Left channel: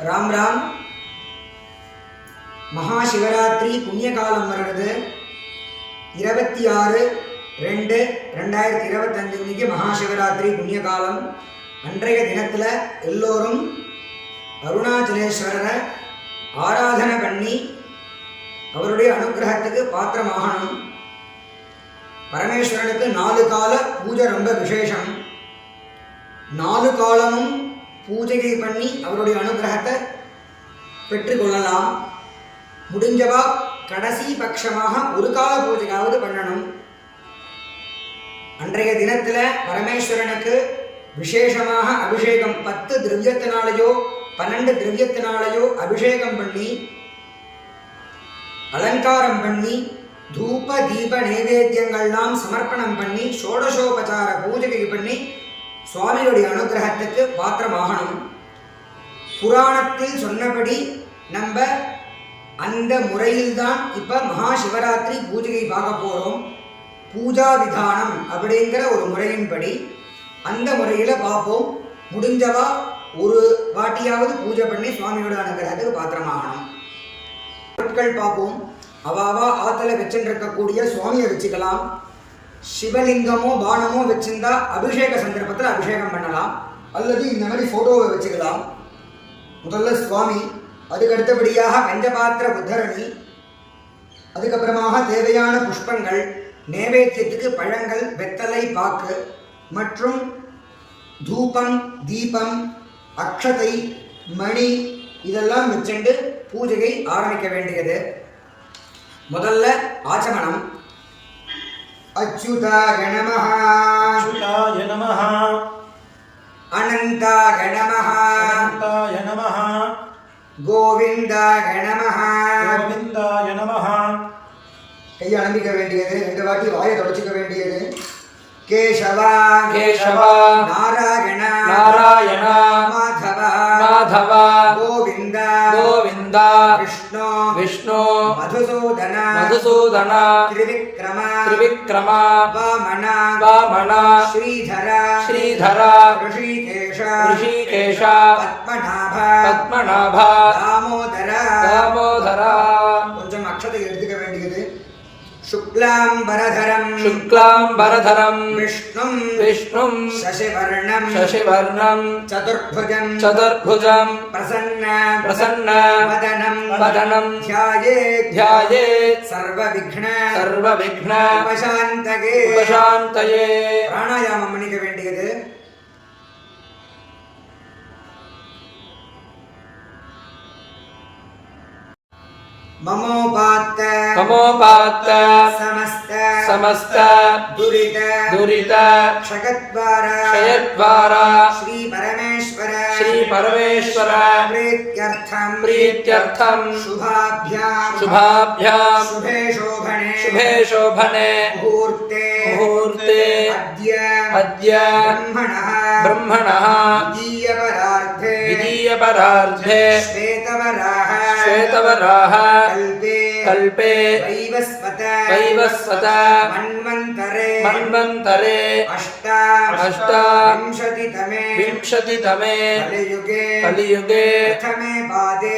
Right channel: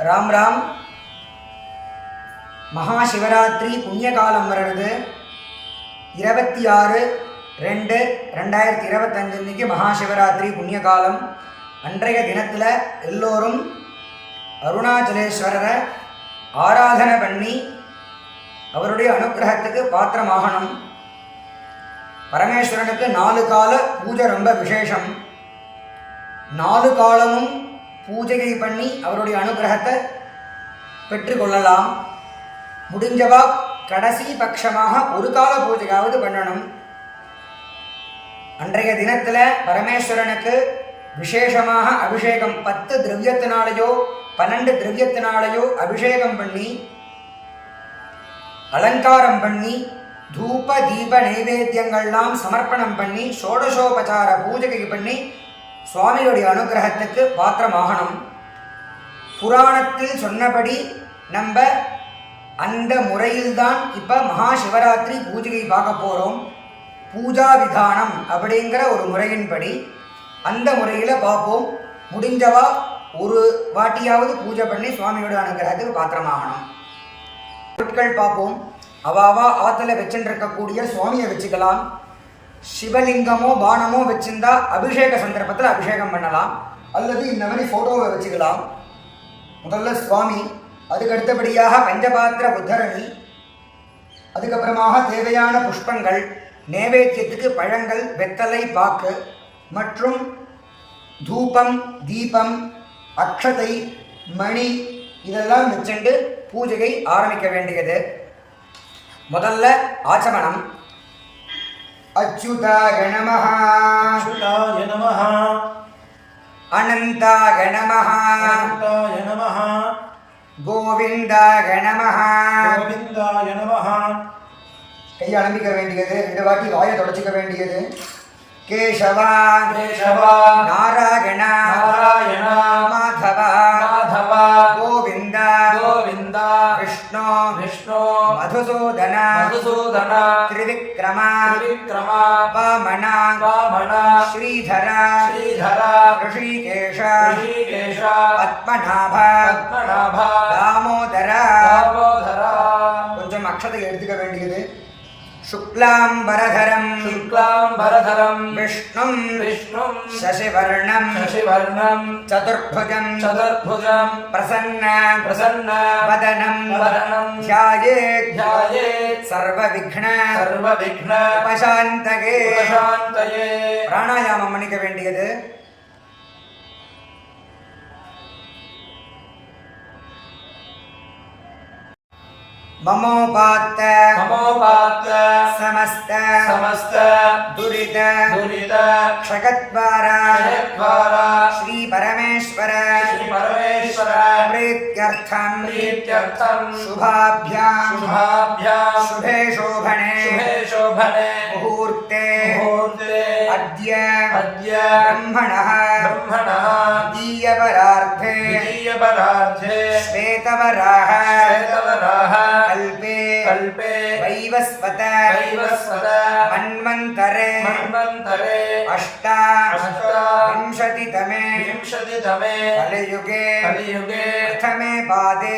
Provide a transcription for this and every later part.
ராம் ராம். மகாசிவராத்திரி புண்ணியகாலம் வருகிறது. 26/2/2025 அன்றைக்கி மகாசிவராத்திரி புண்ணியகாலம். அன்றைய தினத்தில் எல்லோரும் அருணாச்சலேஸ்வரரை ஆராதனை பண்ணி அவருடைய அனுகிரகத்துக்கு பாத்திரமாகணும். பரமேஸ்வரனுக்கு 4 கால பூஜை ரொம்ப விசேஷம். 4 காலமும் பூஜையை பண்ணி அவருடைய அனுகிரகத்தை பெற்றுக்கொள்ளலாம். முடிஞ்சவா கடைசி பட்சமாக 1 கால பூஜையாவது பண்ணணும். அன்றைய தினத்தில் பரமேஸ்வரனுக்கு விசேஷமாக அபிஷேகம் 10 திரவியத்தினாலேயோ 12 திரவியத்தினாலேயோ அபிஷேகம் பண்ணி அலங்காரம் பண்ணி தூப தீப நைவேத்தியங்கள்லாம் சமர்ப்பணம் பண்ணி ஷோடசோபசார பூஜை பண்ணி சுவாமியுடைய அனுகிரகத்துக்கு பாத்திரமாகணும். புராணத்தில் சொன்னபடி நம்ம அந்த முறையில்தான் இப்போ மகாசிவராத்திரி பூஜையை பார்க்க போகிறோம். பூஜா விதானம் அப்படிங்கிற ஒரு முறையின்படி அந்த முறையில் பார்ப்போம். முடிஞ்சவா ஒரு வாட்டியாவது பூஜை பண்ணி சுவாமியோட அனுகிரகத்துக்கு பாத்திரமாகணும். பொருட்கள் பார்ப்போம். அவாவா ஆற்றுல வச்சுருக்கக்கூடிய சுவாமியை வச்சுக்கலாம். சிவலிங்கமோ பானமோ வச்சிருந்தா அபிஷேக சந்தர்ப்பத்தில் அபிஷேகம் பண்ணலாம். அல்லது இந்த மாதிரி ஃபோட்டோவை வச்சுக்கலாம். முதல்ல சுவாமி, அதுக்கு அடுத்தபடியாக பஞ்சபாத்திர உத்தரணி, அதுக்கப்புறமாக தேவையான புஷ்பங்கள், நைவேத்தியத்துக்கு பழங்கள், வெத்தலை பாக்கு மற்றும் தூபம் தீபம் அக்ஷதை மணி இதெல்லாம் வச்சுண்டு பூஜையை ஆரம்பிக்க வேண்டியது. முதல்ல ஆச்சமனம். அச்சுதாய நமஹ, அச்சுதாய நமஹ, அனந்தாய நமஹ, அனந்தாய நமஹ, கோவிந்தாய நமஹ, கோவிந்தாய நமஹ. கையை அலம்பிக்க வேண்டியது. 2 வாட்டி வாயை தொடச்சிக்க வேண்டியது. கேசவா கேசவா, நாராயண நாராயண, மாதவ மாதவ, கோவிந்த கோவிந்த, விஷ்ணு விஷ்ணு, மதுசூதன மதுசூதன, திரிவிக்ரம திரிவிக்ரம, வாமன வாமன, ஸ்ரீதர ஸ்ரீதர, ரிஷிகேஷ ரிஷிகேஷ, பத்மநாப பத்மநாப, தாமோதர. தாமோதர. கொஞ்சம் அக்ஷதை எடுத்துக்க வேண்டியது. शुक्लांबरधरं शुक्लांबरधरं विष्णुं विष्णुं शशिवर्णं शशिवर्णं चतुर्भुजं चतुर्भुजं प्रसन्न प्रसन्न वदनं वदनं ध्यायेत् ध्यायेत् सर्वविघ्न उपशान्तये उपशान्तये. प्राणायामம் பண்ணிக்க வேண்டியது. ममोपात्त समस्त दुरित क्षयद्वारा श्री परमेश्वर प्रीत्यर्थं शुभाभ्यां शुभे शोभने मुहूर्ते अद्य ब्रह्मणः द्वितीयपरार्धे श्वेतवराह कल्पे वैवस्वत मन्वन्तरे अष्टाविंशतितमे कलियुगे प्रथमे पादे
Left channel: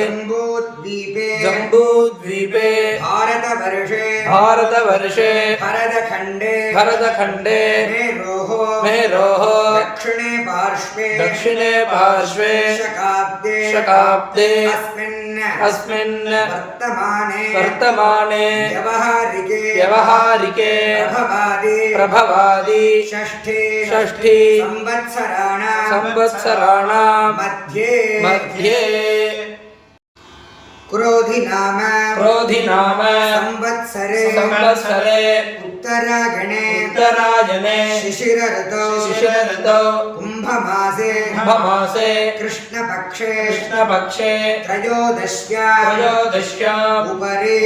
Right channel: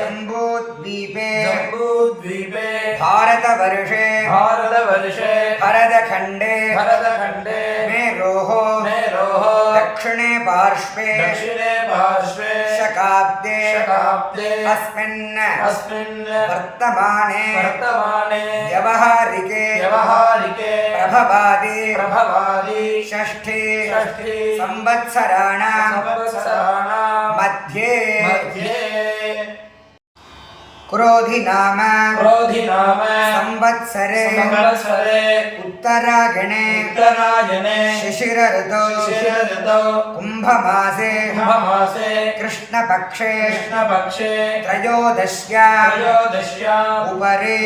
जम्बूद्वीपे भारतवर्षे भरतखण्डे मेरोः दक्षिणे पार्श्वे शकाब्दे अस्मिन् वर्तमाने व्यवहारिके प्रभवादि षष्ठी संवत्सराणां मध्ये क्रोधि नाम संवत्सरे उत्तरायणे शिशिर ऋतौ कुंभमासे कृष्णपक्षे त्रयोदश्याम् उपरि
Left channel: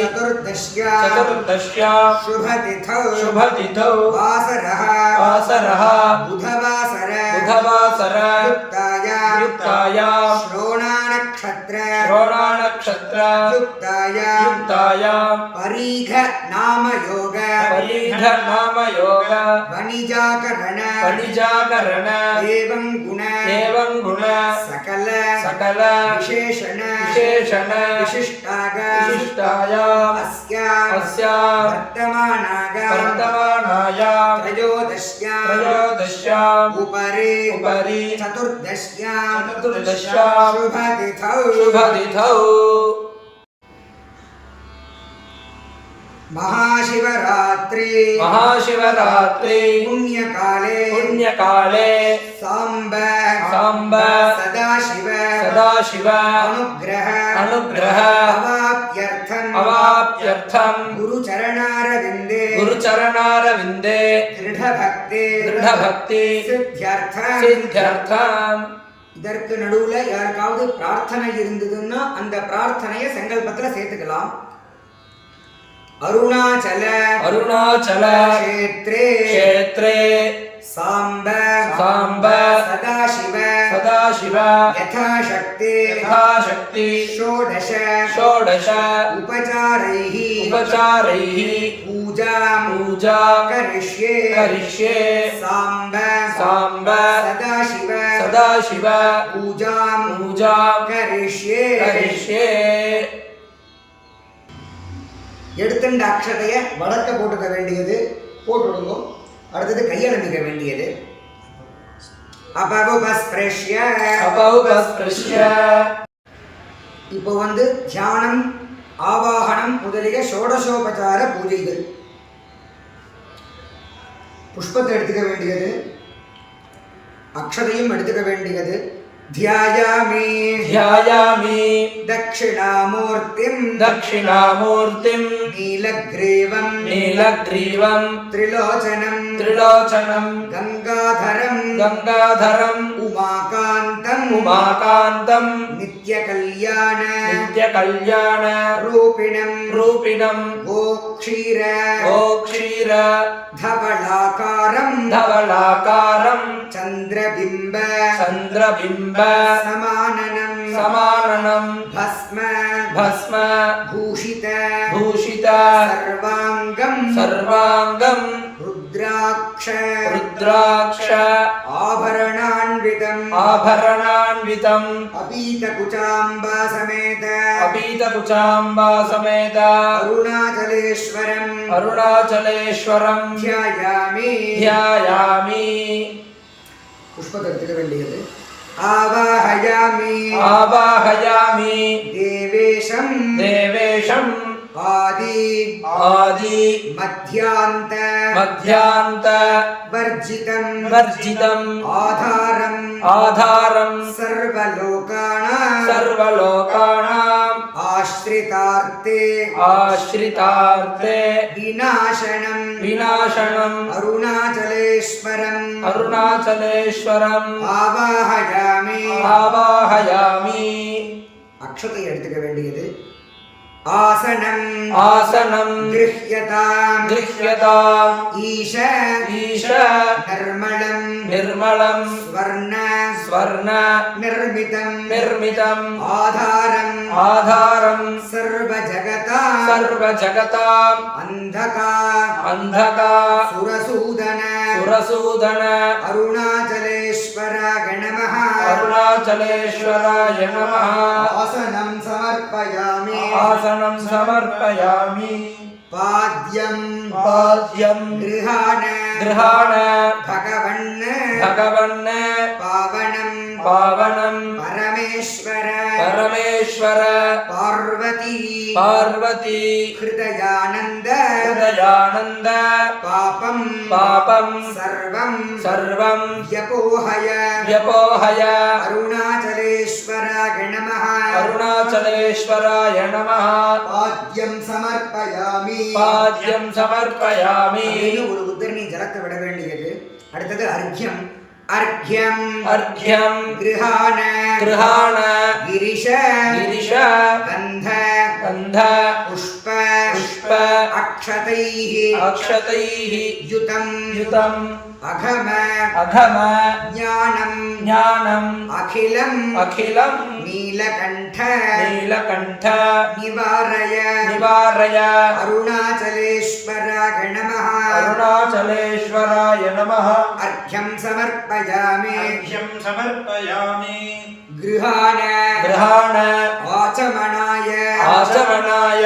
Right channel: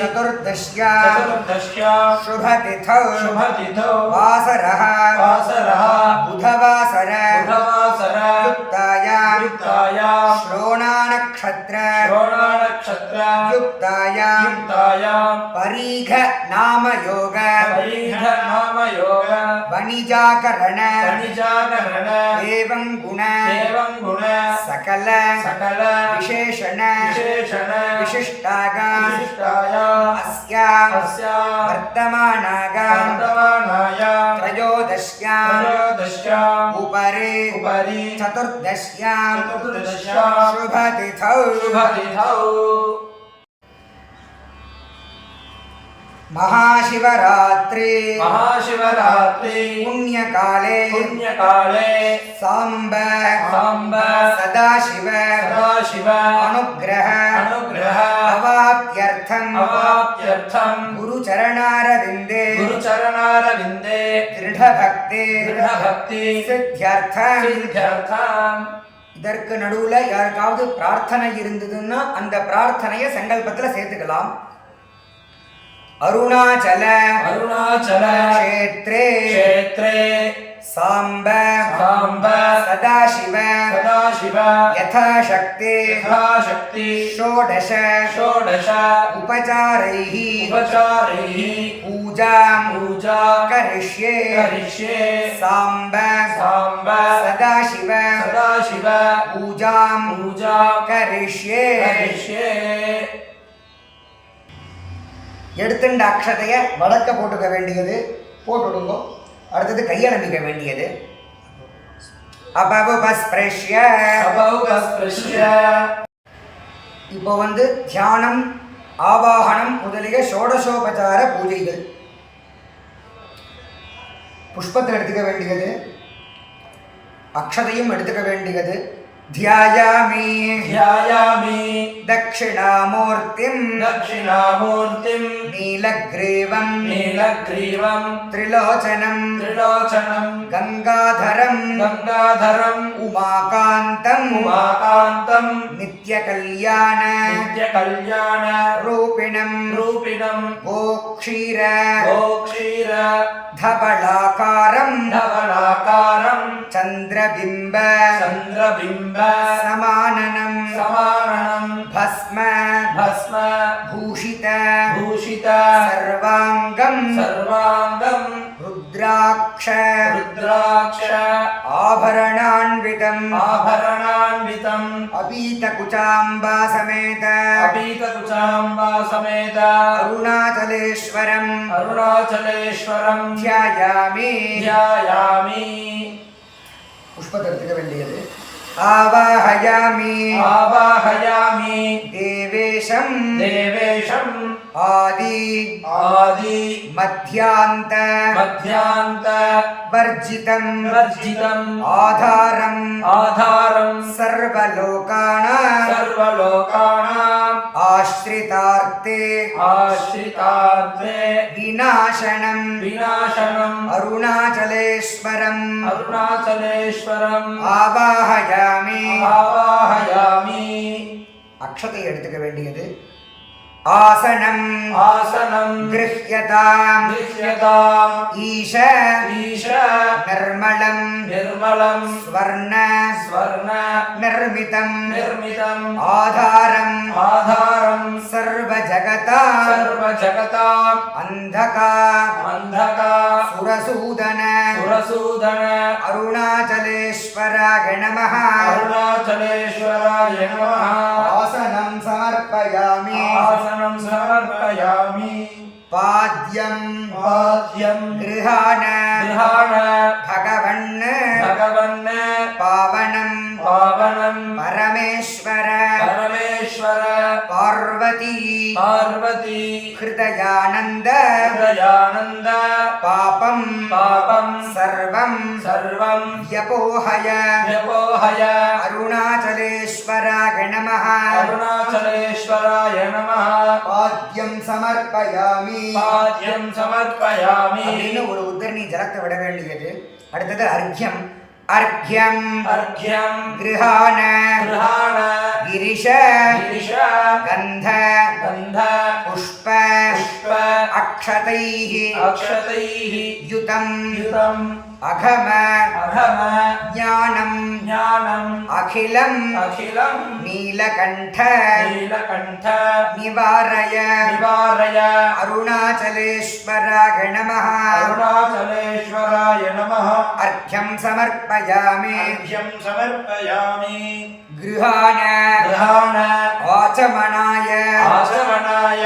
चतुर्दश्यां शुभतिथौ वासरः बुधवासर युक्तायां श्रोणानक्षत्र युक्तायां परीघ नाम योग कणिजाकरण कणिजाकरण एवं गुण सकल विशेषण विशिष्टायाम् अस्यां वर्तमानायां त्रयोदश्याम् उपरि चतुर्दश्यां शुभतिथौ महाशिवरात्रि पुण्यकाले सांब सदाशिव अनुग्रह अवाप्यर्थं गुरुचरणारविन्दे दृढभक्ति सिद्ध्यर्थம் இதற்கு நடுவுல யாருக்காவது பிரார்த்தனை இருந்ததுன்னா அந்த பிரார்த்தனையை சங்கல்பத்துல சேர்த்துக்கலாம். अरुणाचल क्षेत्रे सांब सदाशिव यथाशक्ति षोडश उपचारैः पूजा करिष्ये सांब सदाशिव पूजां करिष्ये எடுத்துண்ட அக்ஷதையை வடக்க போட்டுக்க வேண்டியது, போட்டுடுங்கோ. அடுத்தது கையலம்பிக்க வேண்டியது. அபவுபஸ்பிருஷ்ய இப்போ தியானம் ஆவாகனம் முதலிய ஷோடசோபசார பூஜைகள். புஷ்பத்தை எடுத்துக்க வேண்டியது, அக்ஷதையும் எடுத்துக்க வேண்டியது. ध्यायामि दक्षिणामूर्तिं नीलग्रीवं त्रिलोचनं गंगाधरं उमाकान्तं नित्यकल्याण रूपिणं गोक्षीर धवलाकारं चंद्रबिंब समाननं भस्म भूषित सर्वांगं रुद्राक्ष आभरणान्वितं अपीतकुचाम्बा समेत अरुणाचलेश्वरं ध्यायामि पुष्पத்தை எடுத்துக்க வேண்டியது. आवाहयामि देवेशं आदि मध्यान्त वर्जितं आधारं सर्वलोकानां आश्रितार्थे विनाशनं अरुणाचलेश्वरम् आवाहयामि अक्षते எடுத்துக்க வேண்டியது. आसनं गृह्यताम् ईश निर्मलं स्वर्ण निर्मितम् आधारं सर्वजगताम् अन्धका सुरसूदन अरुणाचलेश्वराय नमः आसनं समर्पयामि पाद्यं गृहाण भगवन् पावनं परमेश्वर पार्वती हृदयानन्द पापं सर्वं व्यपोहय अरुणाचलेश्वराय नमः पाद्यं समर्पयामि அப்படின்னு ஒரு உத்தரணி ஜலத்தை விட வேண்டியது. அடுத்தது अर्घ्यं गृहाण गिरिश गंध पुष्प अक्षतैः युतं அகம அகம ஞானம் ஞானம் அகிலம் அகிலம் நீலகண்ட நீலகண்ட நிவாரய நிவாரய அருணாச்சலேஸ்வராய நமः அருணாச்சலேஸ்வராய நமः அர்க்யம் சமர்ப்பயாமி அர்க்யம் சமர்ப்பயாமி கிருஹாண கிரஹாண ஆச்சமனாய ஆசமனாய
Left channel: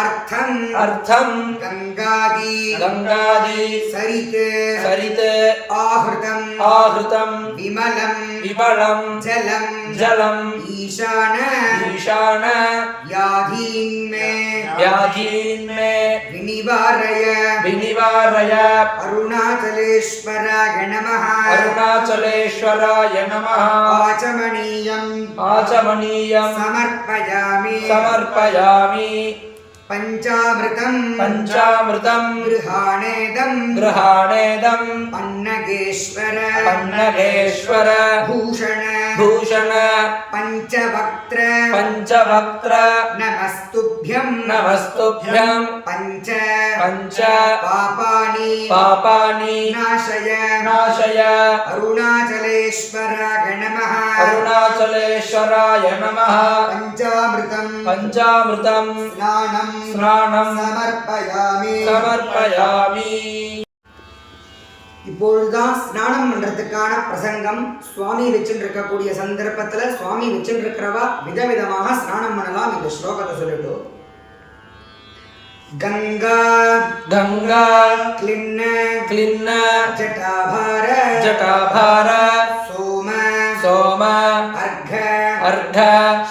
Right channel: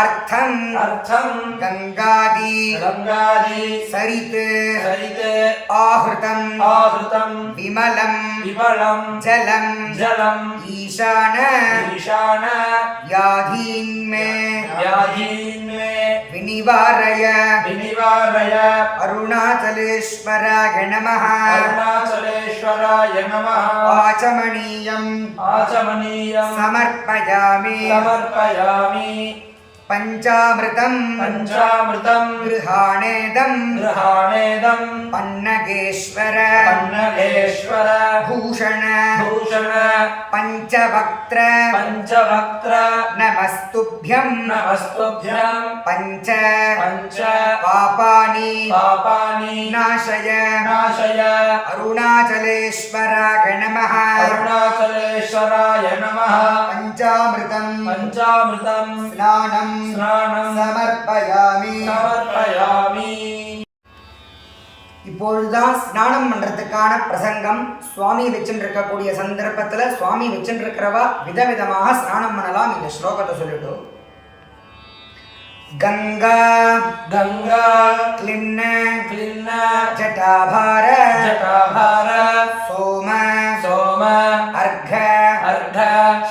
அர்த்தம் அர்த்தம் கங்காதி கங்காதி சரித் சரித் ஆஹ்ருதம் ஆஹ்ருதம் விமலம் விமலம் ஜலம் ஜலம் ஈசான ஈசான யாதீன்மே व्याधीन्मे விநிவாரய विनिवारय அருணாச்சலேஸ்வராய நமः अरुणाचलेश्वराय नमः ஆச்சமனீயம் आचमनीयं சமர்ப்பயாமி समर्पयामि பஞ்சாமிருதம் पञ्चामृतं கிருஹாணேதம் गृहाणेदं பன்னகேஸ்வர पन्नगेश्वर பூஷண भूषण பஞ்சவக்த்ர पञ्चवक्त्र நமஸ்துப்யம் नमस्तुभ्यं பஞ்ச पञ्च பாபானி पापानि நாசய नाशय அருணாச்சலேஸ்வராய நமः अरुणाचलेश्वराय नमः பஞ்சாமிருதம் पञ्चामृतं ஸ்நானம் स्नानं சமர்ப்பயாமி समर्पयामि இப்பொழுதுதான் ஸ்நானம் பண்றதுக்கான பிரசங்கம். சுவாமி வச்சுருக்கக்கூடிய சந்தர்ப்பத்துல சுவாமி வச்சுருக்கிறவா விதவிதமாக ஸ்நானம் பண்ணலாம். இந்த ஸ்லோகத்தை சொல்லிட்டு கங்கா गंगा கிளின்ன क्लिन्न ஜட்டாபார जटाभार சோம सोम அர்க்க अर्घ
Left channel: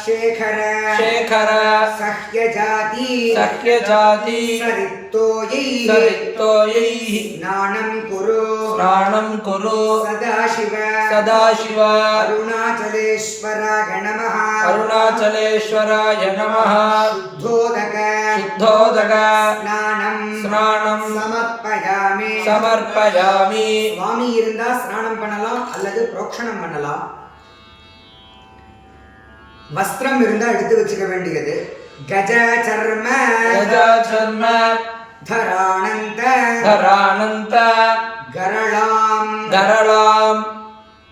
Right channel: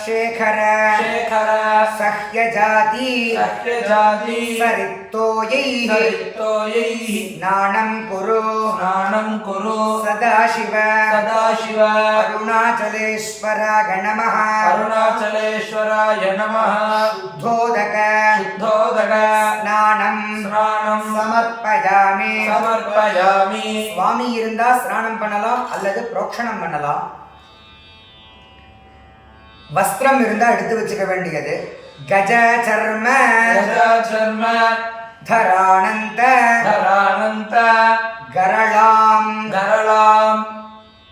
சேகர शेखर சஹ்யஜாதி सख्यजाति சரித்தோயை सरितोयैः ஸ்நானம் குரு स्नानं कुरु சதாசிவ सदाशिव அருணாச்சலேஸ்வராய நமः अरुणाचलेश्वराय नमः சுத்தோதக शुद्धोदक ஸ்நானம் स्नानं சமர்ப்பயாமி समर्पयामि சுவாமி இருந்தா ஸ்நானம் பண்ணலாம் அல்லது புரோக்ஷணம் பண்ணலாம். வஸ்திரம் இருந்தா எடுத்து வச்சுக்க வேண்டியது. கஜ சர்ம गजाचर्म தரானந்த धरानन्त கரளாம் गरलां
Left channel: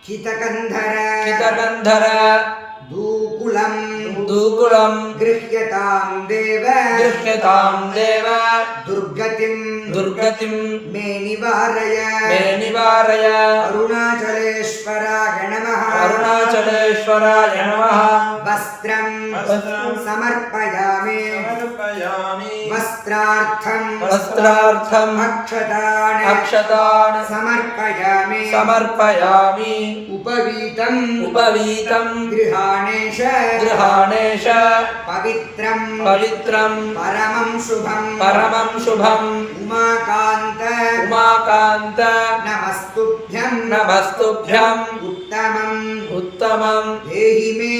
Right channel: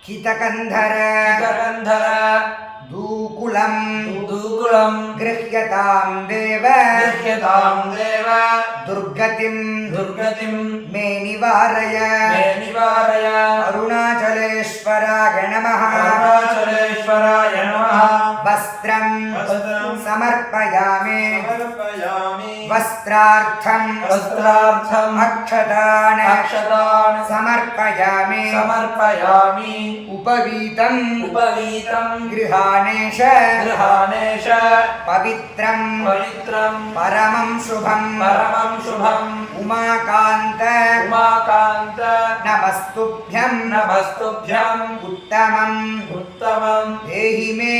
கிதகந்தர कितकन्धर தூகுலம் दूकुलं கிருஹ்யதாம் தேவ गृह्यतां देव துர்கதிம் दुर्गतिं மே நிவாரய मे निवारय அருணாச்சலேஸ்வராய நமः अरुणाचलेश्वराय नमः வஸ்திரம் वस्त्रं சமர்ப்பயாமி समर्पयामि வஸ்திரார்த்தம் वस्त्रार्थम् அக்ஷதான अक्षतान् சமர்ப்பயாமி समर्पयामि உபவீதம் उपवीतं கிருஹாணேஷ गृहाणेश பவித்ரம் पवित्रं பரமம் சுபம் परमं शुभम् உமாகாந்த उमाकान्त நமஸ்துப்யம் नमस्तुभ्यम् உத்தமம் उत्तमं தேஹி மே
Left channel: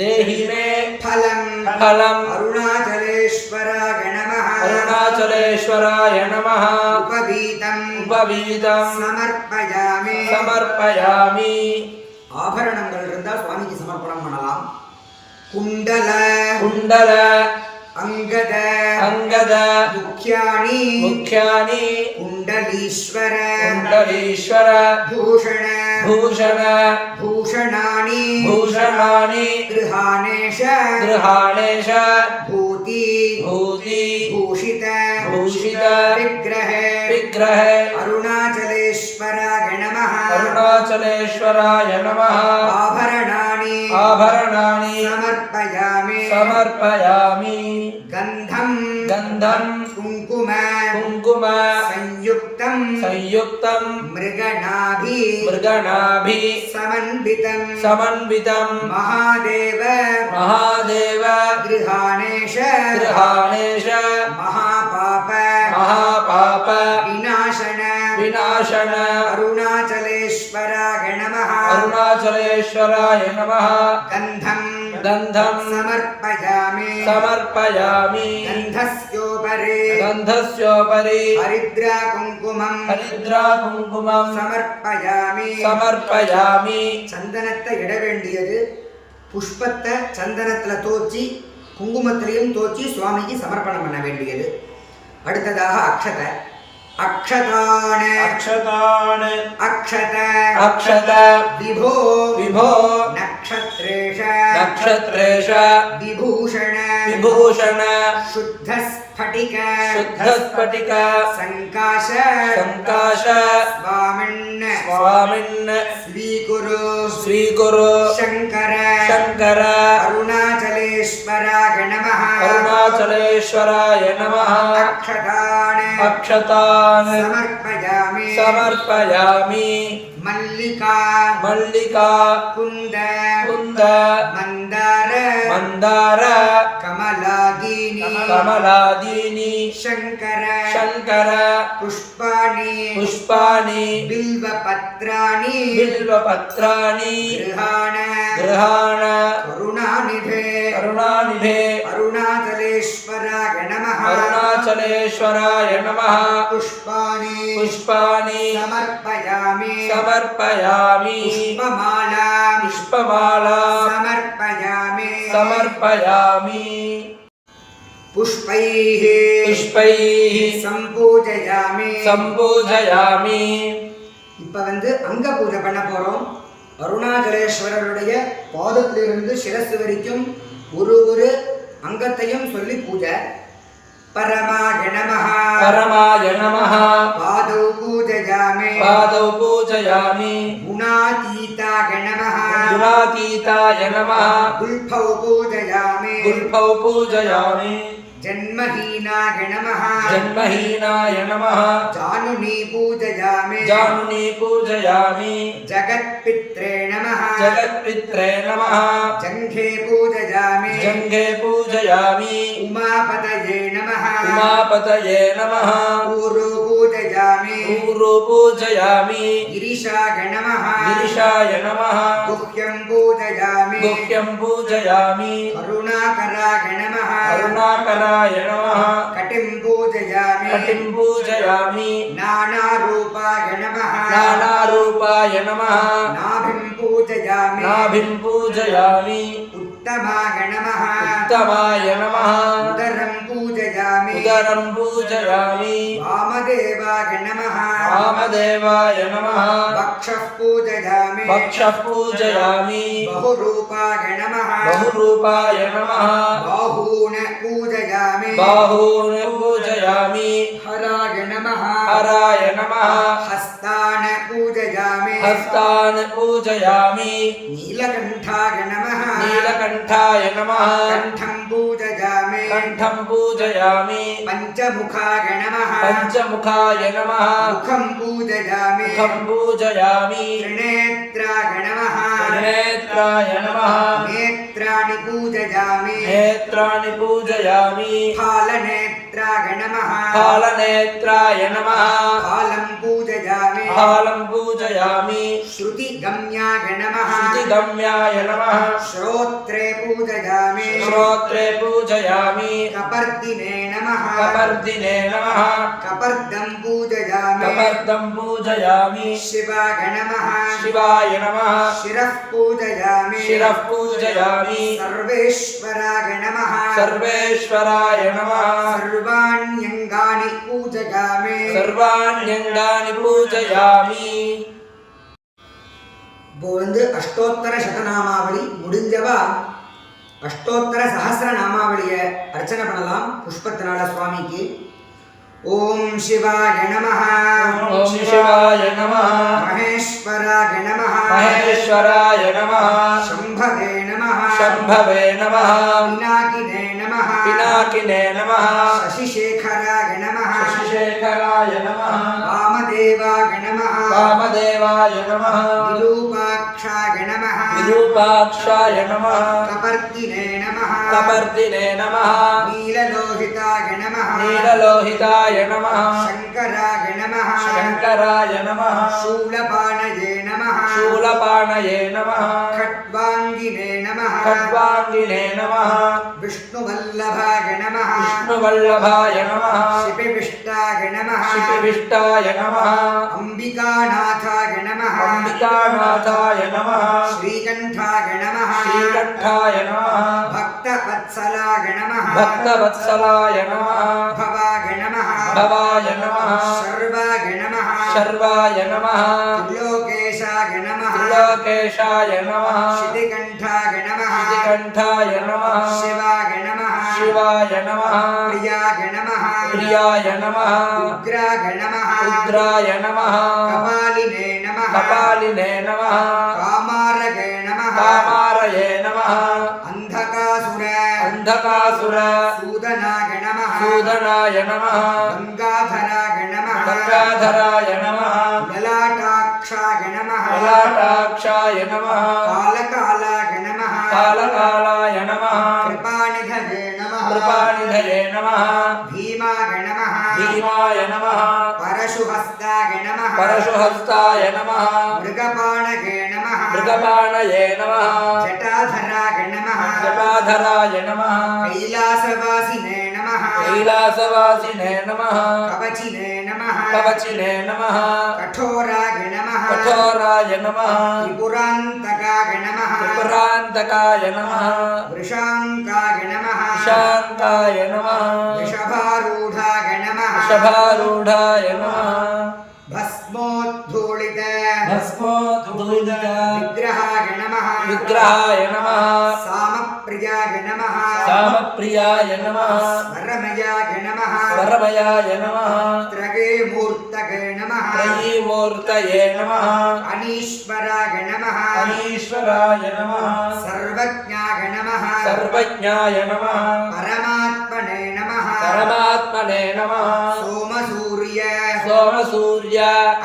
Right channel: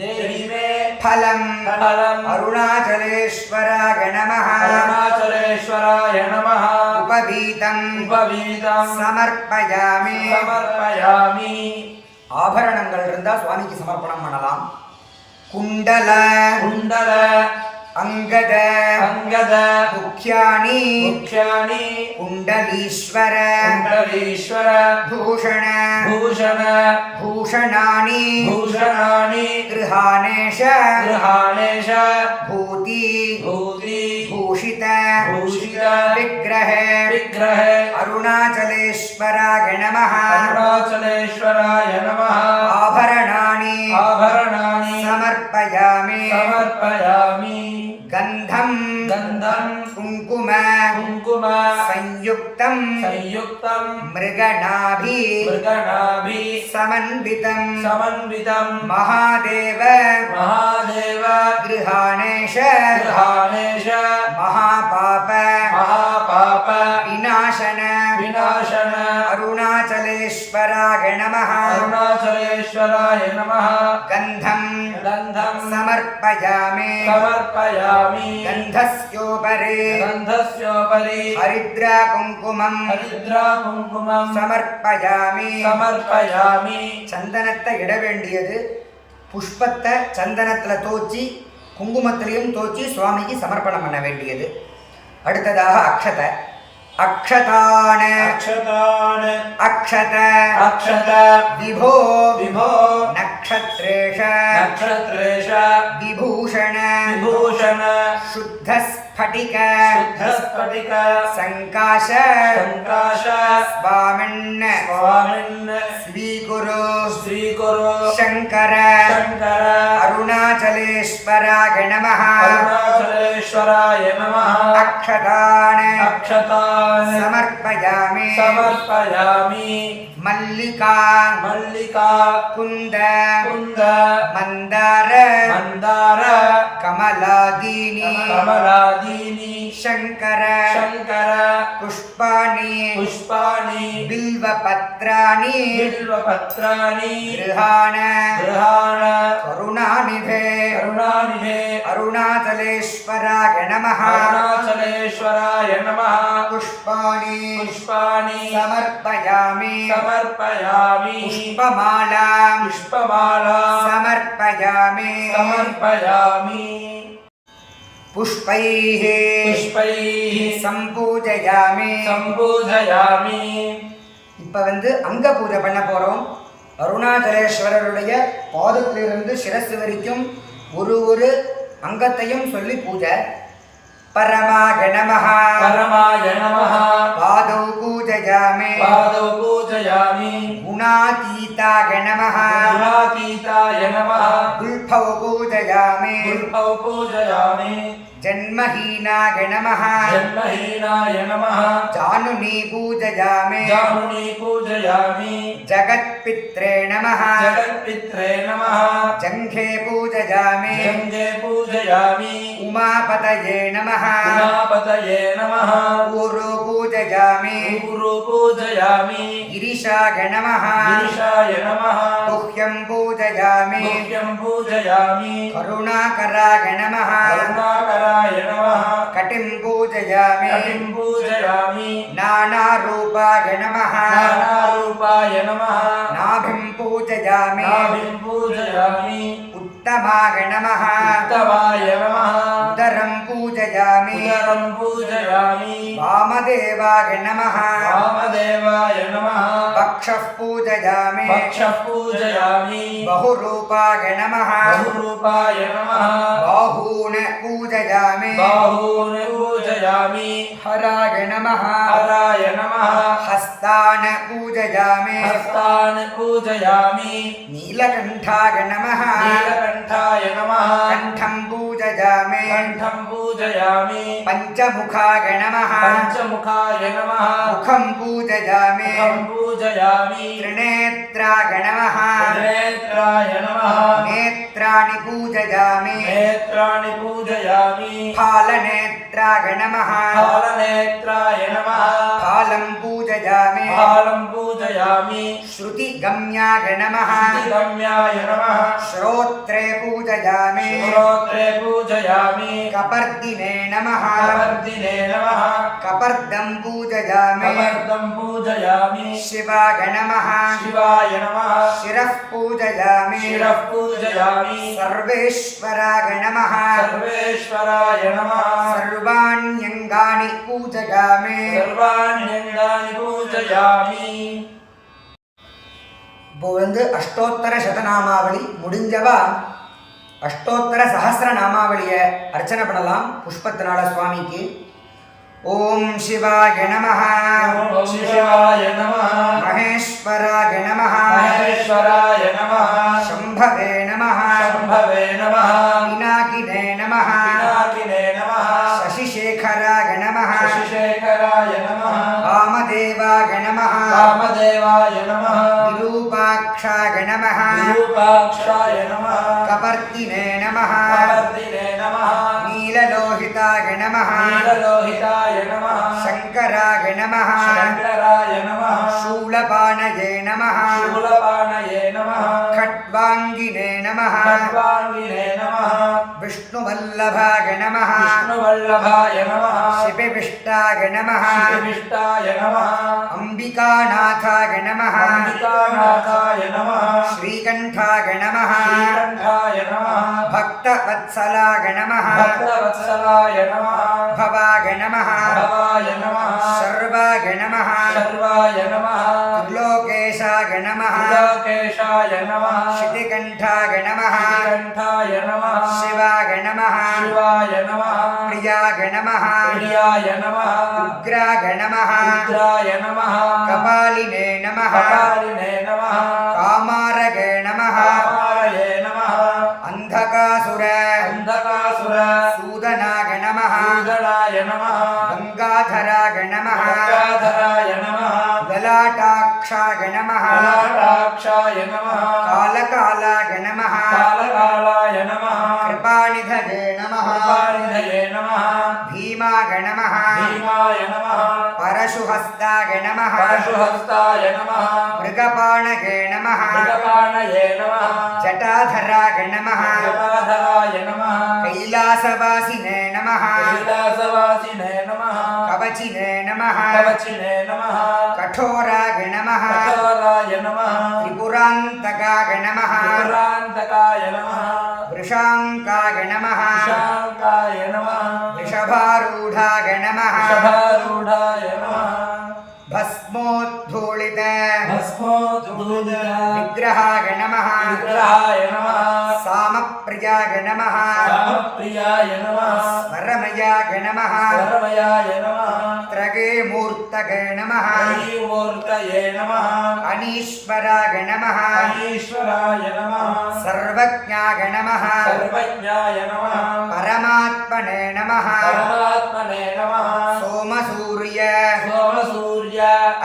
देहि मे ஃபலம் फलम् அருணாச்சலேஸ்வராய நமः अरुणाचलेश्वराय नमः உபவீதம் उपवीतं சமர்ப்பயாமி समर्पयामि ஆபரணங்கள் இருந்தா சுவாமிக்கு சமர்ப்பணம் பண்ணலாம். குண்டல कुण्डल அங்கத अङ्गद முக்கியாணி मुख्यानि குண்டலீஸ்வர कुण्डलीश्वर பூஷண भूषण பூஷணானி भूषणानि கிருஹாணேஷ गृहाणेश பூதி भूति பூஷித भूषित விக்கிரஹ विग्रह அருணாச்சலேஸ்வராய நமः अरुणाचलेश्वराय नमः ஆபரணானி आभरणानि சமர்ப்பயாமி समर्पयामि கந்தம் गन्धं குங்கும कुङ्कुम संयुक्तं संयुक्तं मृगनाभि मृगनाभि समन्वितं समन्वितं महादेव महादेव गृहाणेश गृहाणेश महापाप महापाप विनाशन विनाशन अरुणाचलेश्वराय नमः अरुणाचलेश्वराय नमः गन्धं गन्धं समर्पयामि समर्पयामि गन्धस्योपरि गन्धस्योपरि हरिद्रा कुङ्कुमं हरिद्रा कुङ्कुमं समर्पयामि समर्पयामि சந்தனத்தை இட வேண்டியது. புஷ்பத்தை சந்தனத்தில் தோச்சி குங்குமத்திலையும் தோச்சி சுவாமிக்கு சமர்ப்பணம் பண்ண வேண்டியது. அடுத்ததாக அக்ஷதை. अक्षतान् अक्षतान् अक्षत अक्षत विभो विभो नक्षत्रेश नक्षत्रेश विभूषण विभूषण शुद्धस्फटिक शुद्धस्फटिक संकाश संकाश स्वामिन् स्वामिन् स्वीकुरु स्वीकुरु शंकर शंकर अरुणाचलेश्वराय नमः अरुणाचलेश्वराय नमः अक्षतान् अक्षतान् समर्पयामि समर्पयामि मल्लिका मल्लिका कुन्द कुन्द मंदार मंदार कमलादीनि कमलादीनि शंकर शंकर पुष्पाणि पुष्पाणि बिल्वपत्राणि बिल्वपत्राणि गृहाण गृहाण करुणानिधे करुणानिधे अरुणाचलेश्वराय नमः अरुणाचलेश्वराय नमः पुष्पाणि पुष्पाणि समर्पयामि समर्पयामि पुष्पमाला पुष्पमाला समर्पयामि समर्पयामि पुष्पैः पुष्पैः सम्पूजयामि सम्पूजयामि இப்போ வந்து அங்க பூஜை பண்ண போறோம். அருணாச்சலேஸ்வரருடைய பாதத்திலிருந்து சிரசு வரைக்கும் ஒரு அங்கத்தையும் சொல்லி பூஜை. परमाय नमः परमाय नमः पादौ पूजयामि पादौ पूजयामि गुणातीताय नमः गुणातीताय नमः गुल्फौ पूजयामि गुल्फौ पूजयामि जन्महीनाय नमः जन्महीनाय नमः जानुनी पूजयामि जानुनी पूजयामि जगत्पित्रे नमः जगत्पित्रे नमः जङ्घे पूजयामि जङ्घे पूजयामि उमापतये नमः उमापतये नमः ऊरु पूजयामि ऊरु पूजयामि गिरिशाय नमः गिरिशाय नमः गुह्यं पूजयामि गुह्यं पूजयामि करुणाकराय नमः करुणाकराय नमः कटिं पूजयामि कटिं पूजयामि नानारूपाय नमः नानारूपाय नमः नाभिं पूजयामि नाभिं पूजयामि उत्तमाय नमः उत्तमाय नमः उदरं पूजयामि उदरं पूजयामि वामदेवाय नमः वामदेवाय नमः वक्षः पूजयामि वक्षः पूजयामि बहुरूपाय नमः बहुरूपाय नमः बाहून् पूजयामि बाहून् पूजयामि हराय नमः हराय नमः हस्तान् पूजयामि हस्तान् पूजयामि नीलकण्ठाय नमः नीलकण्ठाय नमः कण्ठं पूजयामि कण्ठं पूजयामि पञ्चमुखाय नमः पञ्चमुखाय नमः मुखं पूजयामि मुखं पूजयामि त्रिनेत्राय नमः नेत्राय नमः नेत्राणि पूजयामि नेत्राणि पूजयामि फालनेत्राय नमः कालनेत्राय नमः कालं पूजयामि कालं पूजयामि श्रुतिगम्याय नमः श्रुतिगम्याय नमः श्रोत्रे पूजयामि श्रोत्रे पूजयामि कपर्दिने नमः कपर्दिने नमः कपर्दं पूजयामि कपर्दं पूजयामि शिवाय नमः शिवाय नमः शिरः पूजयामि शिरः पूजयामि सर्वेश्वराय नमः सर्वेश्वराय नमः सर्वाण्यङ्गानि पूजयामि सर्वाण्यङ्गानि पूजयामि இப்போ வந்து அஷ்டோத்தர சதநாமாவளி முடிஞ்சவா அஷ்டோத்தர சஹஸ்ர நாமாவளியை அர்ச்சனை பண்ணலாம் புஷ்பத்தினால சுவாமிக்கு. ஓம் சிவாய நமः ஓம் சிவாய நமः மகேஸ்வராய நமः மகேஸ்வராய நமः சம்பவே நமः शम्भवे नमः பினாகினே நமः पिनाकिने नमः சசிசேகராய நமः शशिशेखराय नमः வாமதேவாய நமः वामदेवाय नमः விரூபாக்ஷாய நமः विरूपाक्षाय नमः கபர்தினே நமः कपर्दिने नमः நீலலோகிதாய நமः नीललोहिताय नमः शङ्कराय नमः शङ्कराय नमः शूलपाणये नमः शूलपाणये नमः खट्वाङ्गिने नमः खड्वाङ्गिने नमः विष्णुवल्लभाय नमः विष्णुवल्लभाय नमः शिपिविष्टाय नमः शिपिविष्टाय नमः अम्बिकानाथाय नमः अम्बिकानाथाय नमः श्रीकण्ठाय नमः श्रीकण्ठाय नमः भक्त भक्तवत्सलाय नमः भक्तवत्सलाय नमः भवाय नमः भवाय नमः सर्वाय नमः सर्वाय नमः त्रिलोकेशाय नमः त्रिलोकेशाय नमः शितिकण्ठाय नमः शितिकण्ठाय नमः शिवाय नमः शिवाय नमः प्रियाय नमः प्रियाय नमः उग्राय नमः रुद्राय नमः कपालिने नमः कपालिने नमः कामारगे नमः कामारये नमः अन्धकासुर अन्धकासुर सूदनाय नमः सूदनाय नमः गङ्गाधराय नमः गङ्गाधराय नमः ललाटाक्षाय नमः ललाटाक्षाय नमः कालकालाय नमः कालकालाय नमः कृपानिधये नमः कृपानिधये नमः भीमाय नमः भीमाय नमः परशुहस्ताय नमः परशुहस्ताय नमः मृगपाणगे नमः मृगपाणये नमः जटाधराय नमः जटाधराय नमः कैलासवासिने नमः कैलासवासिने नमः कवचिने नमः कवचिने नमः कठोराय नमः कठोराय नमः त्रिपुरान्तकाय नमः त्रिपुरान्तकाय नमः वृषाङ्काय नमः शाङ्काय नमः वृषभारूढाय नमः शभारूढाय नमः भस्मोद्धूलित भस्मोद्धूलित विग्रहाय नमः विग्रहाय नमः सामप्रियाय नमः रामप्रियाय नमः वरमयाय नमः वरमयाय नमः त्रगे मूर्तये नमः त्रयीमूर्तये नमः अनीश्वराय नमः अनीश्वराय नमः सर्वज्ञाय नमः सर्वज्ञाय नमः परमात्मने नमः परमात्मने नमः सोमसूर्य सोमसूर्य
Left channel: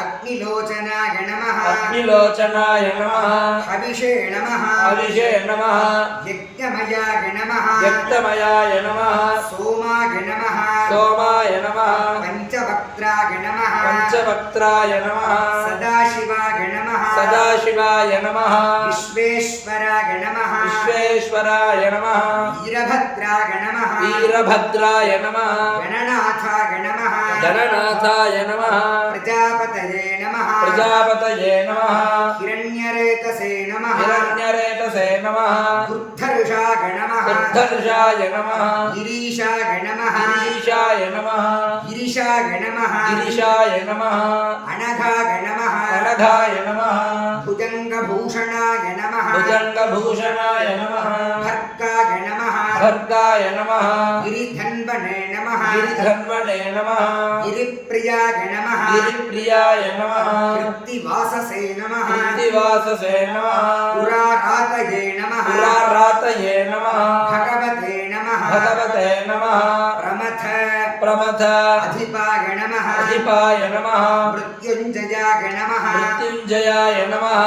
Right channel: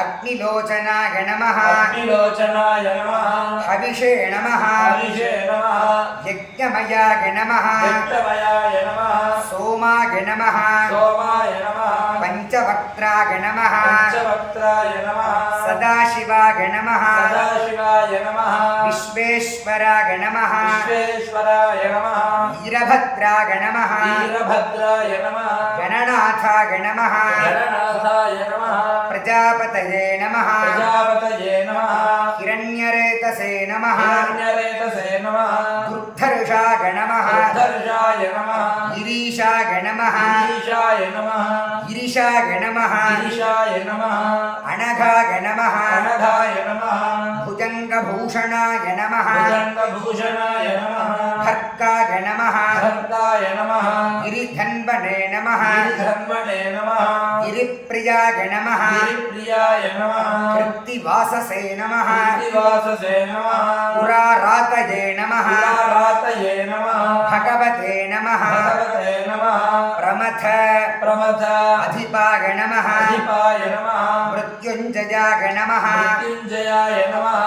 अग्निलोचनाय नमः अग्निलोचनाय नमः हविषे नमः हविषे नमः यज्ञमयाय नमः यज्ञमयाय नमः सोमाय नमः सोमाय नमः पञ्चवक्त्राय नमः पञ्चवक्त्राय नमः सदाशिवाय नमः सदाशिवाय नमः विश्वेश्वराय नमः विश्वेश्वराय नमः वीरभद्राय नमः वीरभद्राय नमः गणनाथाय नमः गणनाथाय नमः प्रजापतये नमः प्रजापतये नमः हिरण्यरेतसे नमः हिरण्यरेतसे नमः दुर्धर्षाय नमः दुर्धर्षाय नमः गिरीशाय नमः गिरीशाय नमः गिरिशाय नमः गिरीशाय नमः अनघाय नमः अनघाय नमः भुजङ्गभूषणाय नमः भुजङ्गभूषणाय नमः खर्गाय नमः खड्गाय नमः गिरिधन्वने नमः गिरिधन्वने नमः गिरिप्रियाय नमः गिरिप्रियाय नमः कृत्तिवाससे नमः कृत्तिवाससे नमः पुरारातये नमः पुरारातये नमः भगवते नमः भगवते नमः प्रमथ प्रमथ अधिपाय नमः अधिपाय नमः मृत्युञ्जयाय नमः मृत्युञ्जयाय नमः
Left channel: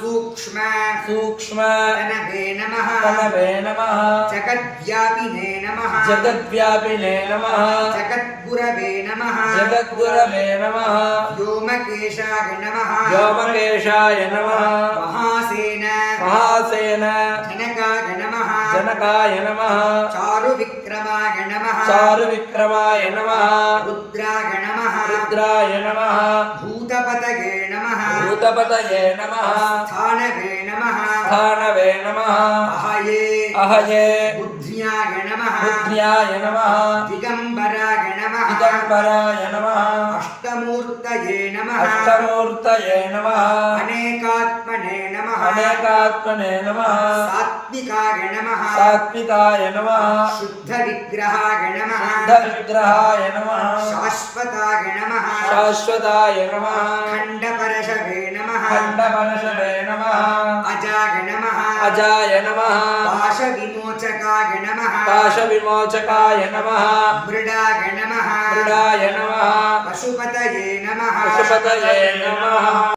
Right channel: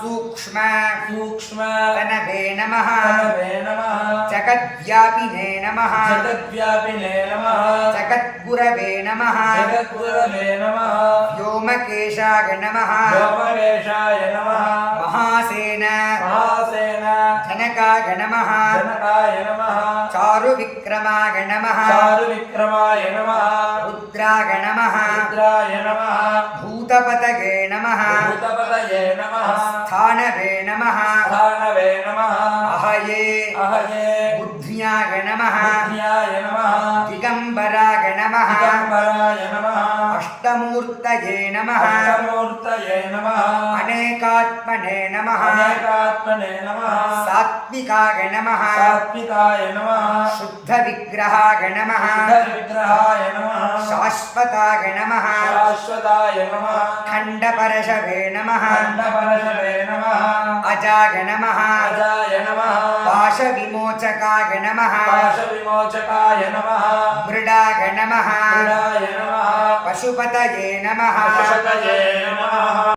सूक्ष्म सूक्ष्म तनवे नमः तनवे नमः जगद्व्यापिने नमः जगद्व्यापिने नमः जगद्गुरवे नमः जगद्गुरवे नमः व्योमकेशाय नमः व्योमकेशाय नमः महासेन महासेन जनकाय नमः जनकाय नमः चारुविक्रमाय नमः चारुविक्रमाय नमः रुद्राय नमः रुद्राय नमः भूतपतये नमः भूतपतये नमः स्थानवे नमः स्थानवे नमः अहये अहये बुद्ध्याय नमः बुद्ध्याय नमः दिगम्बराय नमः दिगम्बराय नमः अष्टमूर्तये नमः अष्टमूर्तये नमः अनेकात्मने नमः अनेकात्मने नमः सात्विकाय नमः सात्विकाय नमः शुद्धविग्रहाय नमः शुद्धविग्रहाय नमः शाश्वताय नमः शाश्वताय नमः खण्डपरशवे नमः खण्डपरशवे नमः अजाय नमः अजाय नमः पाशविमोचकाय नमः पाशविमोचकाय नमः मृडाय नमः मृडाय नमः पशुपतये नमः पशुपतये नमः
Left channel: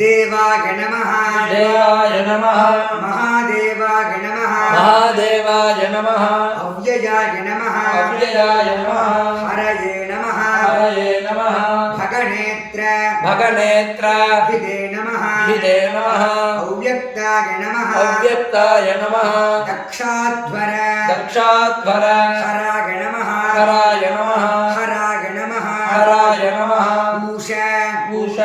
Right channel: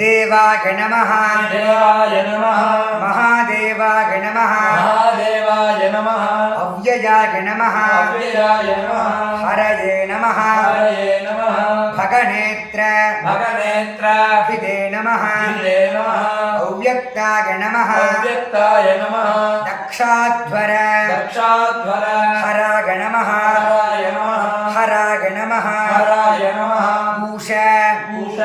देवाय नमः देवाय नमः महादेवाय नमः महादेवाय नमः अव्ययाय नमः अव्ययाय नमः हरये नमः हरये नमः भगनेत्र भगनेत्र भिदे नमः भिदे नमः अव्यक्ताय नमः अव्यक्ताय नमः दक्षाध्वर दक्षाध्वर हराय नमः हराय नमः हराय नमः हराय नमः पूष पूष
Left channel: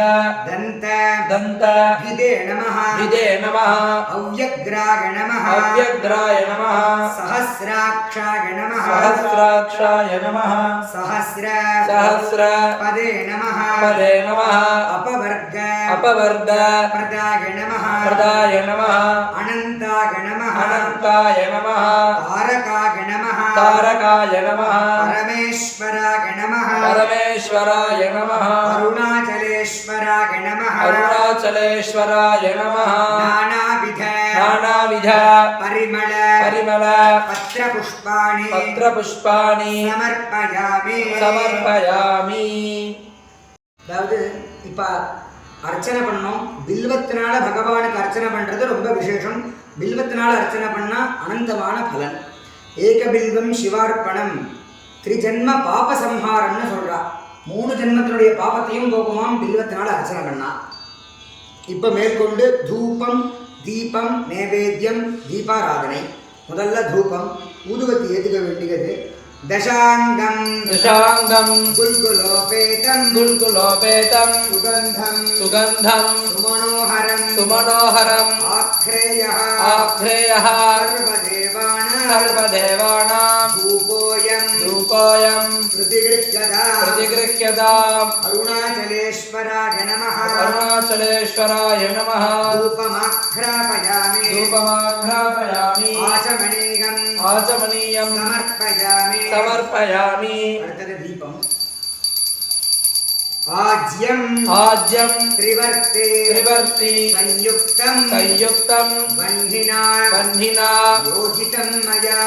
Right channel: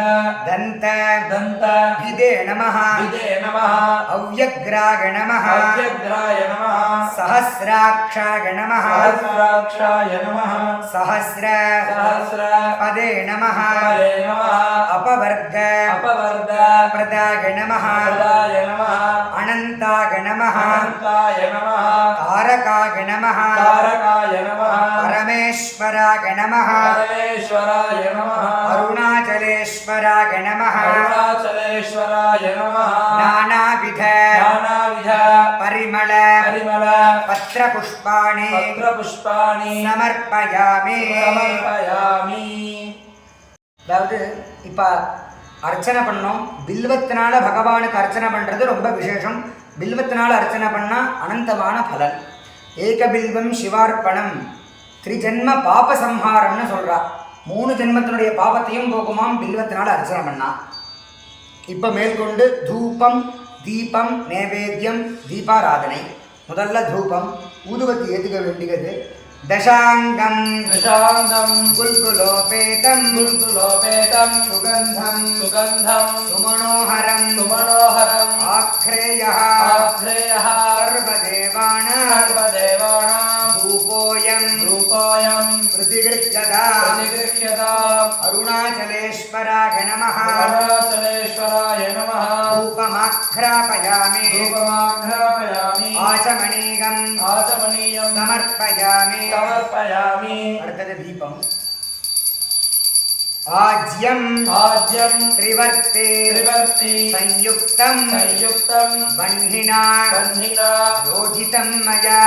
दन्त दन्त भिदे नमः विदे नमः अव्यग्राय नमः अव्यग्राय नमः सहस्राक्षाय नमः सहस्राक्षाय नमः सहस्र पदे नमः पदे नमः अपवर्ग प्रदाय नमः अनन्ताय नमः अनन्ताय नमः तारकाय नमः परमेश्वराय नमः परमेश्वराय नमः अरुणाचलेश्वराय नमः अरुणाचलेश्वराय नमः नानाविध परिमल पत्रपुष्पाणि समर्पयामि அதாவது இப்போ அர்ச்சனை பண்ணோம். பில்வத்தினால பகவானுக்கு அர்ச்சனை பண்ணுறது ரொம்ப விசேஷம். பில்வத்தினால அர்ச்சனை பண்ணால் அனந்தமான பலன். ஏகபில்வம் சிவார்ப்பணம் திரிஜன்ம பாப சம்ஹாரம்னு சொல்கிறா. 3 ஜென்மத்தினுடைய பாபத்தையும் போக்குமாம் பில்வத்தினால அர்ச்சனை பண்ணா. இப்போ மேற்கொண்டு தூபம் தீபம் நைவேத்தியம் தீபாராதனை. முதல்ல தூபம் ஊதுவத்தி ஏற்றுக்க வேண்டியது. दशांगम गुल्गुलोपेतम सुगंधम सुमनोहरम आख्रेयः सर्वदेवानां धूपोऽयं प्रतिगृह्यता अरुणाचलेश्वराय नमः धूपमाघ्रापयामि आचमनीयं समर्पयामि அடுத்தது தீபம். आज्यं त्रिवर्ते संयुक्तं बन्धिना योजितं मया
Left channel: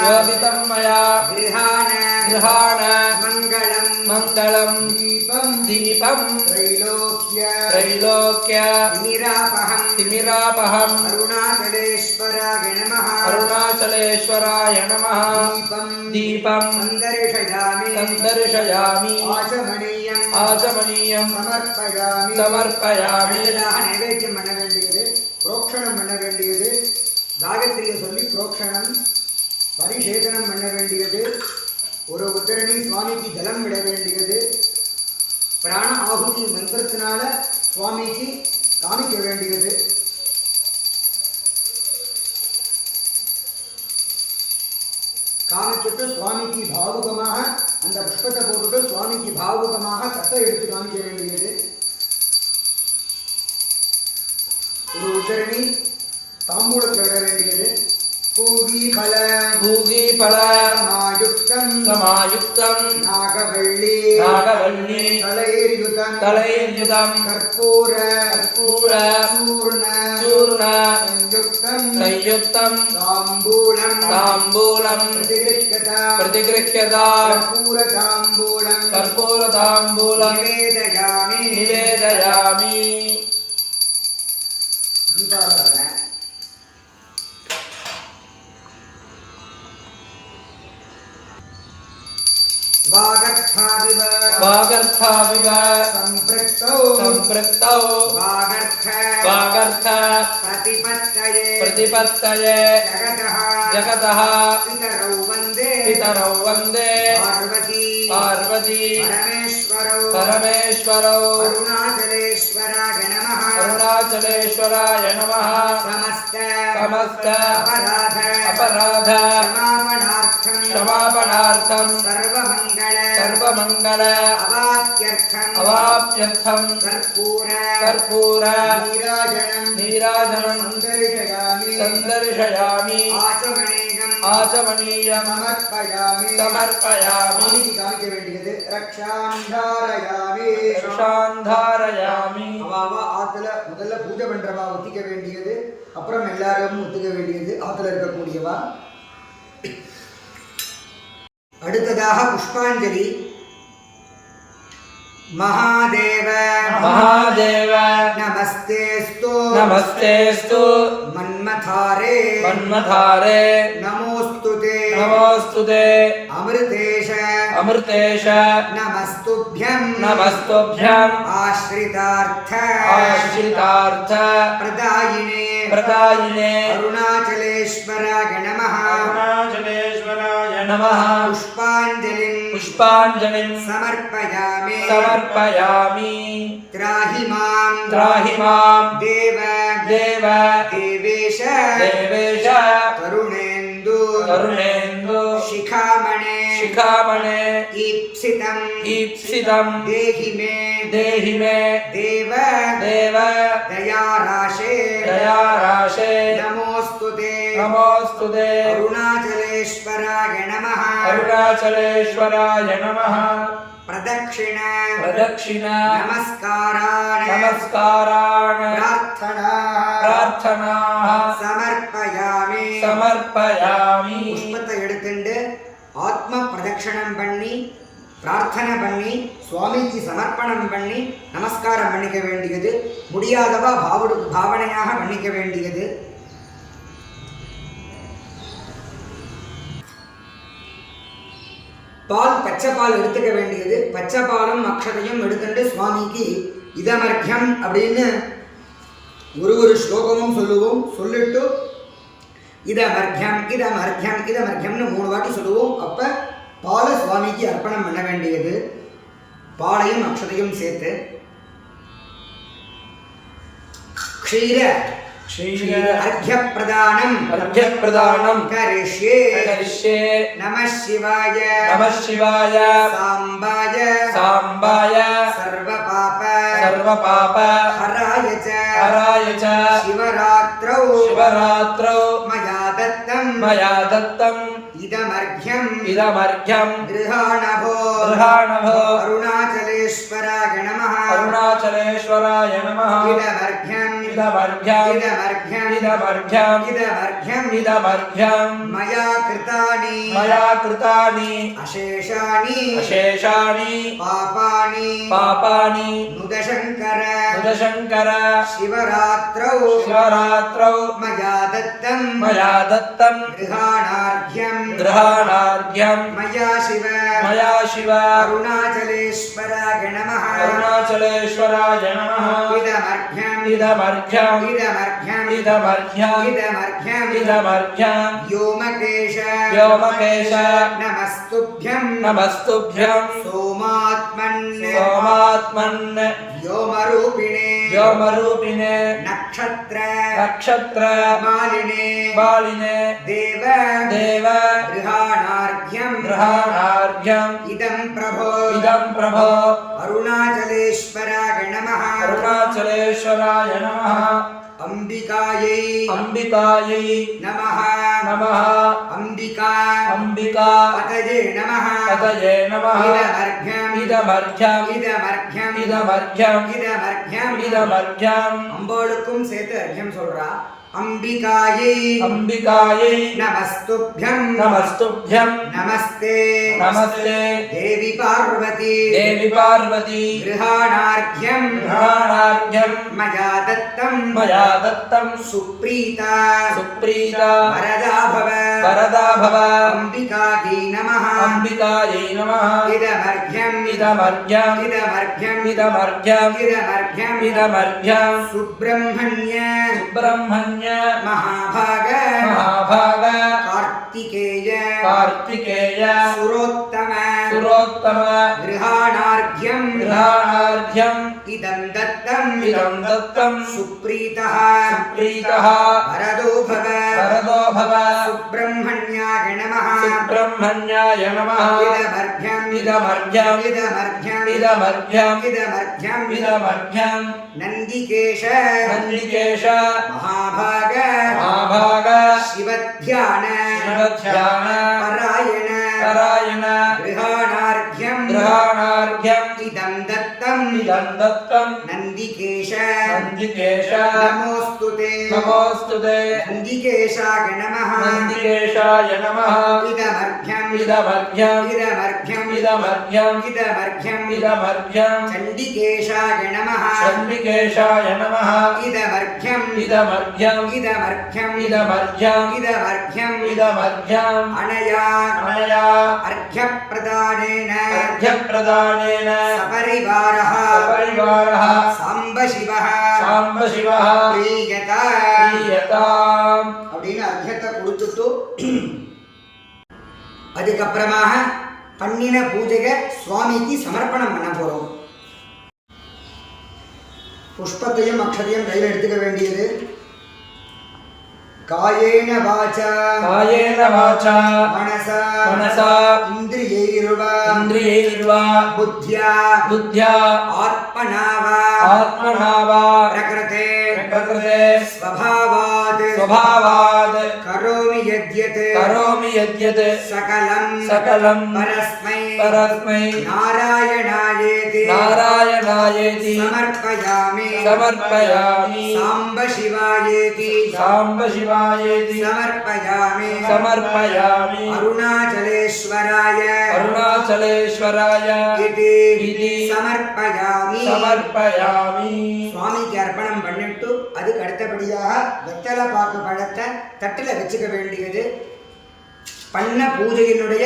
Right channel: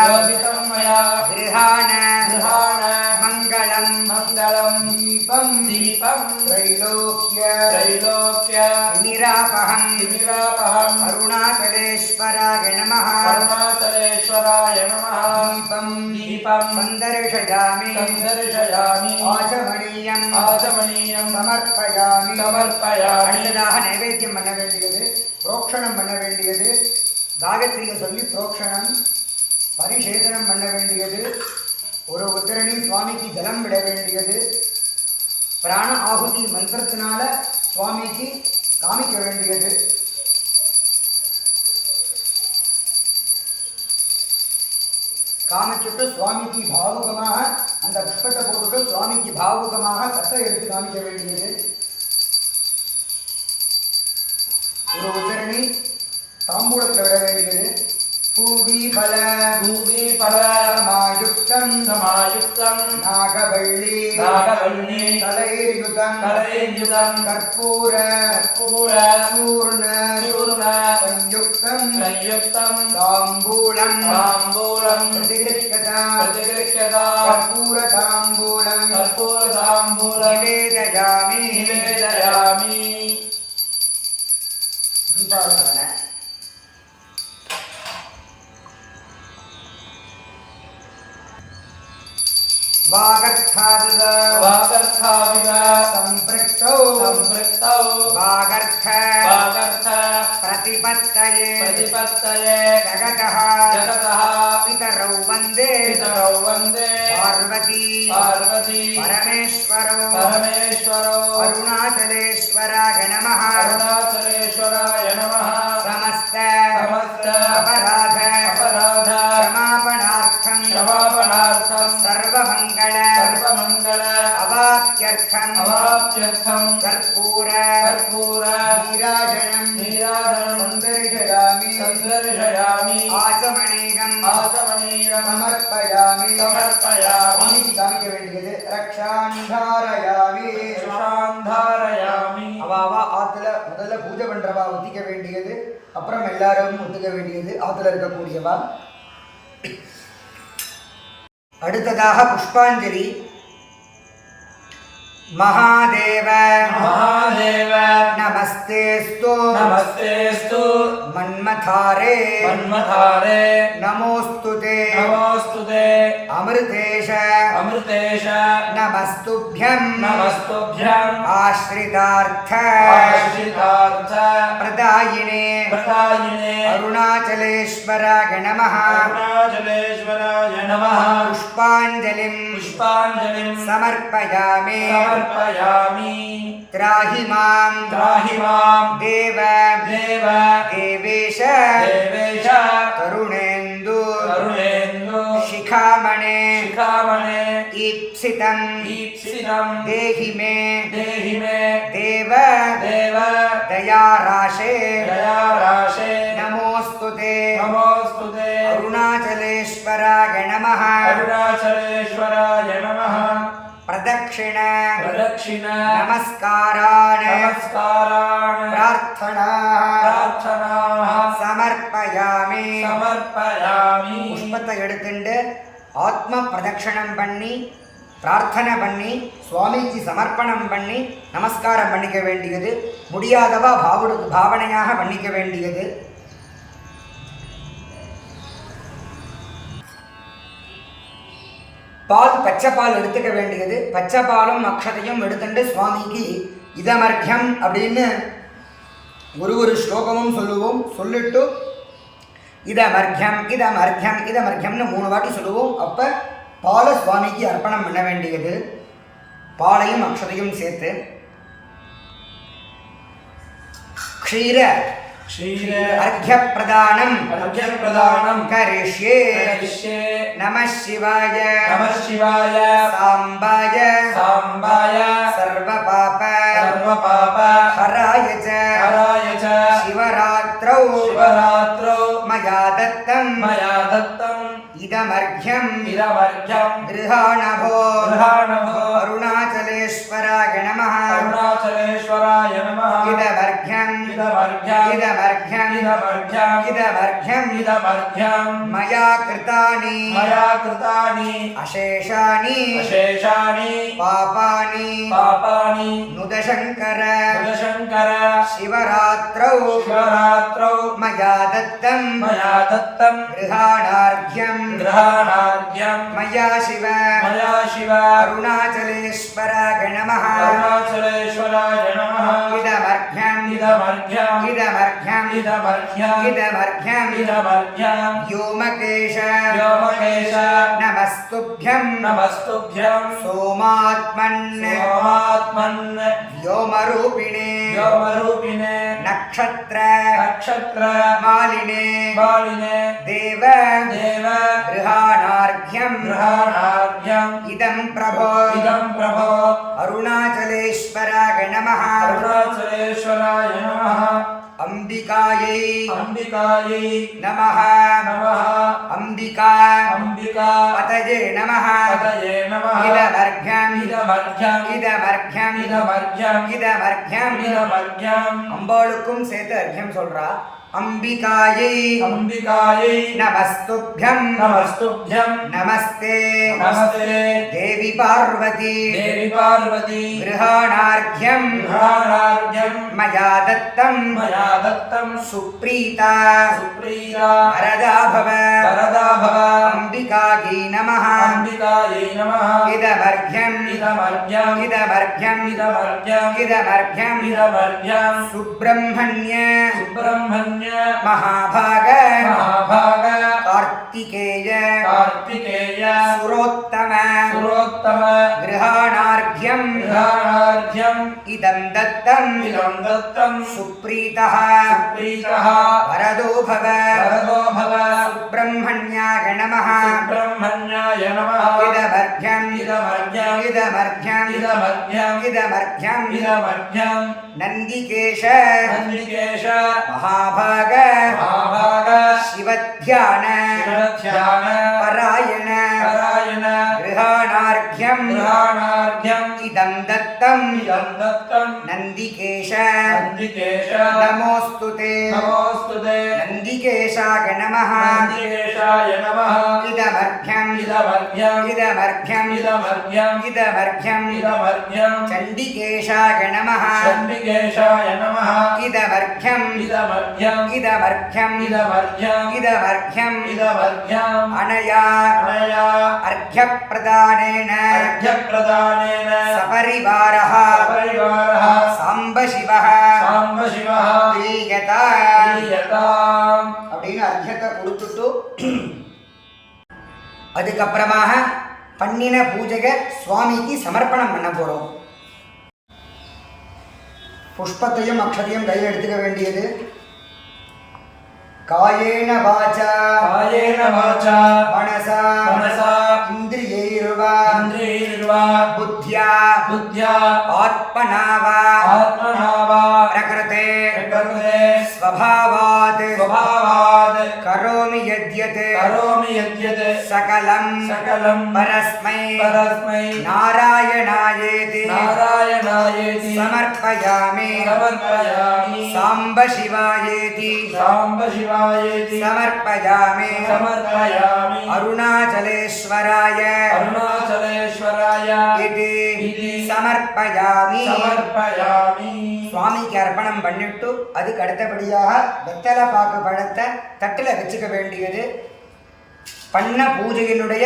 गृहाण मङ्गलं दीपं त्रैलोक्य तिमिरापहं अरुणाचलेश्वराय नमः दीपं सन्दर्शयामि आचमनीयं समर्पयामि. அடுத்ததாக நைவேத்தியம் பண்ண வேண்டியது, புரோக்ஷணம் பண்ண வேண்டியது. காயத்ரியை சொல்லி புரோக்ஷணம் பரிசேதனம் பண்ண வேண்டியது. ஒரு உத்தரணி சுவாமிக்கு ஜலம் விட வேண்டியது. பிராண ஆகுதி மந்திரத்தினால சுவாமிக்கு காமிக்க வேண்டியது. காமிச்சுட்டு சுவாமிக்கு பாவுகமாக அந்த புஷ்பத்தை போட்டுட்டு சுவாமிக்கு பாவுகமாக கத்தை எடுத்து காமிக்க வேண்டியது. ஒரு உத்தரணி தாம்பூலத்தில் விட வேண்டியது. பூகி பல சமாயுக்தம் நாகவள்ளி தலையுதம் கற்பூர சூர்ண संयुक्तं ताम्बूलं प्रतिगृह्यता कर्पूरताम्बूलं निवेदयामि दीपाराधना. वागर्थाविव संपृक्तौ वागर्थ प्रतिपत्तये जगतः पितरौ वन्दे पार्वती परमेश्वरौ अरुणाचलेश्वराय नमः समस्त अपराध क्षमापणार्थं सर्वमंगल अवाप्यर्थं कर्पूर नीराजनं संदर्शयामि आचमनीयं समर्पयामि. स्वामीக்கு காமிக்க வேண்டியது. ரக்ஷாந்தாரயாமி அவாவா ஆத்துல முதல்ல பூஜை பண்றவா ஒத்திக்க வேண்டியது. அப்புறம் எல்லாரும் ஒத்துக்க வேண்டியது ஆத்துல இருக்கக்கூடியவா. அடுத்ததாக புஷ்பாஞ்சலி. महादेव नमस्तेस्तु मन्मथारे नमोस्तुते अमृतेश नमस्तुभ्यं आश्रितार्थ प्रदायिने प्रदायिने अरुणाचलेश्वराय नमः अरुणाचलेश्वराय नमः पुष्पाञ्जलिं समर्पयामि त्राहि मां देव देवेश तरुणेन्दु शिखामणे ईप्सितं देहि मे देव दयाराशे नमोस्तुते अरुणाचलेश्वराय नमः प्रदक्षिण नमस्कारान् प्रार्थनाः समर्पयामि पुष्पத்தை எடுத்துண்டு ஆத்ம பிரதட்சணம் பண்ணி பிரார்த்தனை பண்ணி சுவாமிக்கு சமர்ப்பணம் பண்ணி நமஸ்காரம் பண்ணிக்க வேண்டியது, முடியாதவா பாவனையாக பண்ணிக்க வேண்டியது. பால் பச்சை பால் எடுத்துக்க வேண்டியது. பச்சை பாலும் அக்ஷதையும் எடுத்துட்டு சுவாமிக்கு இதமர்க்கியம் அப்படின்னு ஒரு ஸ்லோகமும் சொல்லுவோம். சொல்லிட்டு இதமர்க்கியம்னு 3 வாட்டி சொல்லுவோம். அப்போ பாலை சுவாமிக்கு அர்ப்பணம் பண்ண வேண்டியது. பாலையும் அக்ஷதையும் சேர்த்து க்ஷீர अर्घ्यप्रदानं करिष्ये नमः शिवाय सांबाय सर्वपाप हराय च शिवरात्रौ मया दत्तं इदमर्घ्यं गृहाणभो अरुणाचलेश्वराय नमः इदमर्घ्यं मया कृतानि अशेषाणि पापानि नुदशङ्कर शिवरात्रौ मया दत्तं गृहाणार्घ्यं मया शिव अरुणाचलेश्वराय नमः इदमर्घ्यं व्योमकेश नमस्तुभ्यं सोमात्मन् व्योमरूपिणे नक्षत्र मालिने देव गृहाणार्घ्यं इदं प्रभो अरुणाचलेश्वराय नमः अंबिकायै नमः अंबिका पतये नमः इदमर्घ्यं अम्बाளுக்கும் சேர்த்து அர்घ्यம் சொல்றா. अंबिकायै नमस्तुभ्यं नमस्ते देवी पार्वती गृहाणार्घ्यं मया दत्तं सुप्रीता वरदा भव अंबिकायै नमः इदमर्घ्यं सुब्रह्मण्य महाभाग कार्तिकेय सुरोत्तम गृहाणार्घ्यं इदं दत्तं सुप्रीतः वरदो भव सुब्रह्मण्याय नमः इदमर्घ्यं नन्दिकेश महाभाग शिवध्यान परायण गृहाणार्घ्यं इदं दत्तं नन्दिकेश नमोस्तुते नन्दिकेशाय नमः इदमर्घ्यं चण्डिकेशाय नमः इदमर्घ्यं अनया अर्घ्यप्रदानेन सपरिवारः सपरिवारः साम्ब शिवः साम्ब शिवः प्रीयता प्रीयताम् அப்படின்னு அர்த்தத்தை கொடுத்துட்டு அதுக்கப்புறமாக பண்ணின பூஜையை சுவாமிக்கு சமர்ப்பணம் பண்ண போகிறோம். புஷ்பத்தையும் அக்ஷதையும் கையில் எடுத்துக்க வேண்டியது. காயேன வாசா कायेन वाचा மனசா मनसा இந்திரியைர்வா इन्द्रियैर्वा புத்தியா बुद्ध्या ஆத்மனா வா आत्मना वा பிரகிருதே प्रकृते ஸ்வபாவாத் स्वभावात् கரோமி யத்யத் करोमि यद्यत् சகலம் सकलं பரஸ்மை परस्मै நாராயணாயேதி नारायणायेति சமர்ப்பயாமி समर्पयामि சாம்ப சிவாயேதி साम्ब शिवायेति समर्पयामि समर्पयामि अरुणाचलेश्वराय अरुणाचलेश्वराय इति समर्पयामि समर्पयामि சுவாமிக்கு அர்ப்பணம் பண்ணிட்டு அதுக்கு அடுத்தபடியாக வெத்தலை பாக்கு பழத்தை தட்டில் வச்சுக்க வேண்டியது. பண்ண பூஜையினுடைய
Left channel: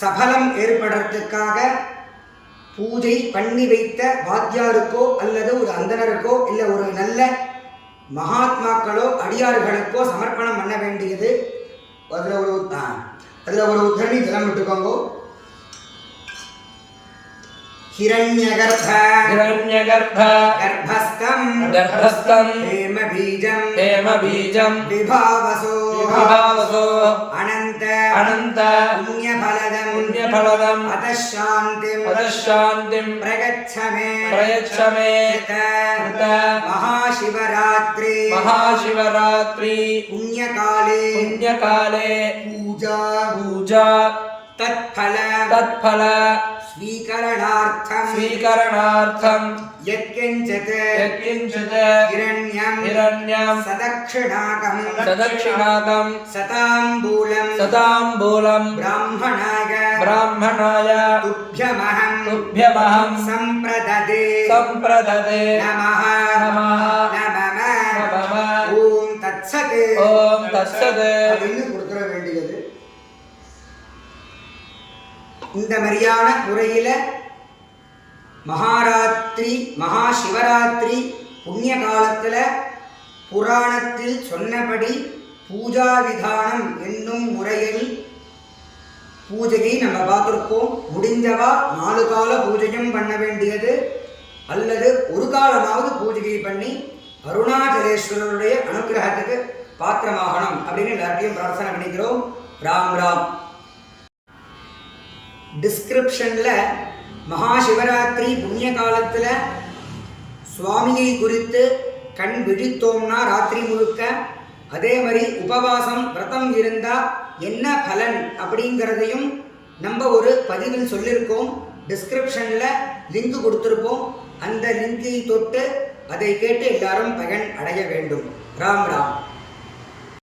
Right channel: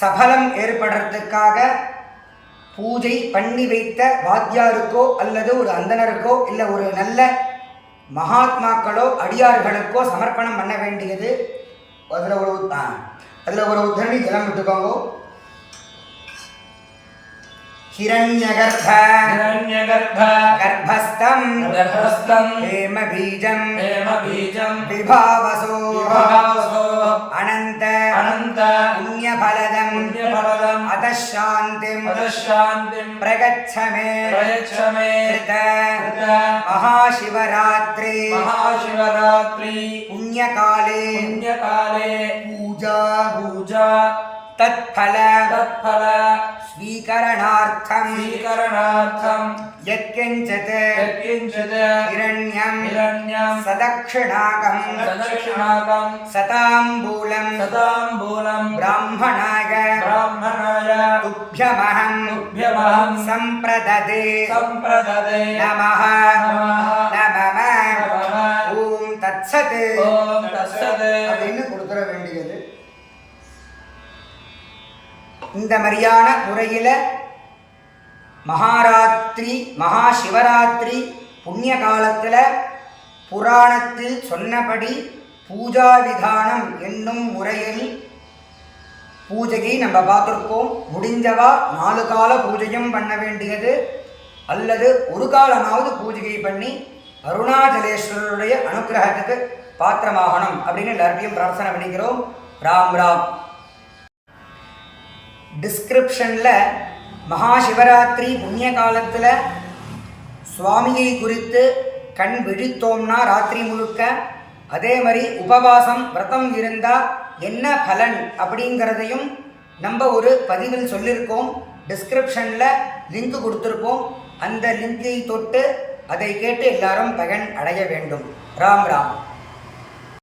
சபலம் ஏற்படுறதுக்காக பூஜை பண்ணி வைத்த வாத்தியாருக்கோ அல்லது ஒரு அந்தனருக்கோ இல்லை ஒரு நல்ல மகாத்மாக்களோ அடியார்களுக்கோ சமர்ப்பணம் பண்ண வேண்டியது. அதில் ஒரு உத்தரணி ஜலம் விட்டுக்கோங்க. हिरण्यगर्भ हिरण्यगर्भ गर्भस्थं गर्भस्थं हेमबीजं हेमबीजं विभावसो विभावसो अनन्त अनन्त पुण्यफलदं पुण्यफलदं अतः शान्तिं प्रयच्छ मे कृत महाशिवरात्रि पुण्यकाले पूजा तत्फल स्वीकरणार्थं यत्किञ्चित् हिरण्यं सदक्षिणाकं सताम्बूलं ब्राह्मणाय तुभ्यमहं सम्प्रददे नमः नमः ஓம் தத்சத் அப்படின்னு கொடுத்துட வேண்டியது. இந்த மாதிரியான முறையில் மகாராத்திரி மகாசிவராத்திரி புண்ணிய காலத்தில் புராணத்தில் சொன்னபடி பூஜா விதானம் என்னும் முறையில் பூஜையை நம்ம பார்த்துருக்கோம். முடிஞ்சவா 4 கால பூஜையும் பண்ண வேண்டியது அல்லது ஒரு காலமாவது பூஜையை பண்ணி அருணாச்சலேஸ்வரருடைய அனுகிரகத்துக்கு பாத்திரமாகணும் அப்படின்னு எல்லாத்தையும் பிரார்த்தனை பண்ணிக்கிறோம். ராம் ராம். டிஸ்கிரிப்ஷனில் மகாசிவராத்திரி புண்ணிய காலத்தில் சுவாமியை குறித்து கண் விழித்தோம்னா ராத்திரி முழுக்க, அதே மாதிரி உபவாசம் விரதம் இருந்தால் என்ன பலன் அப்படிங்கிறதையும் நம்ம ஒரு பதிவில் சொல்லியிருக்கோம். டிஸ்கிரிப்ஷனில் லிங்க் கொடுத்துருப்போம். அந்த லிங்கை தொட்டு அதை கேட்டு எல்லாரும் பயன் அடைய வேண்டும். ராம் ராம்.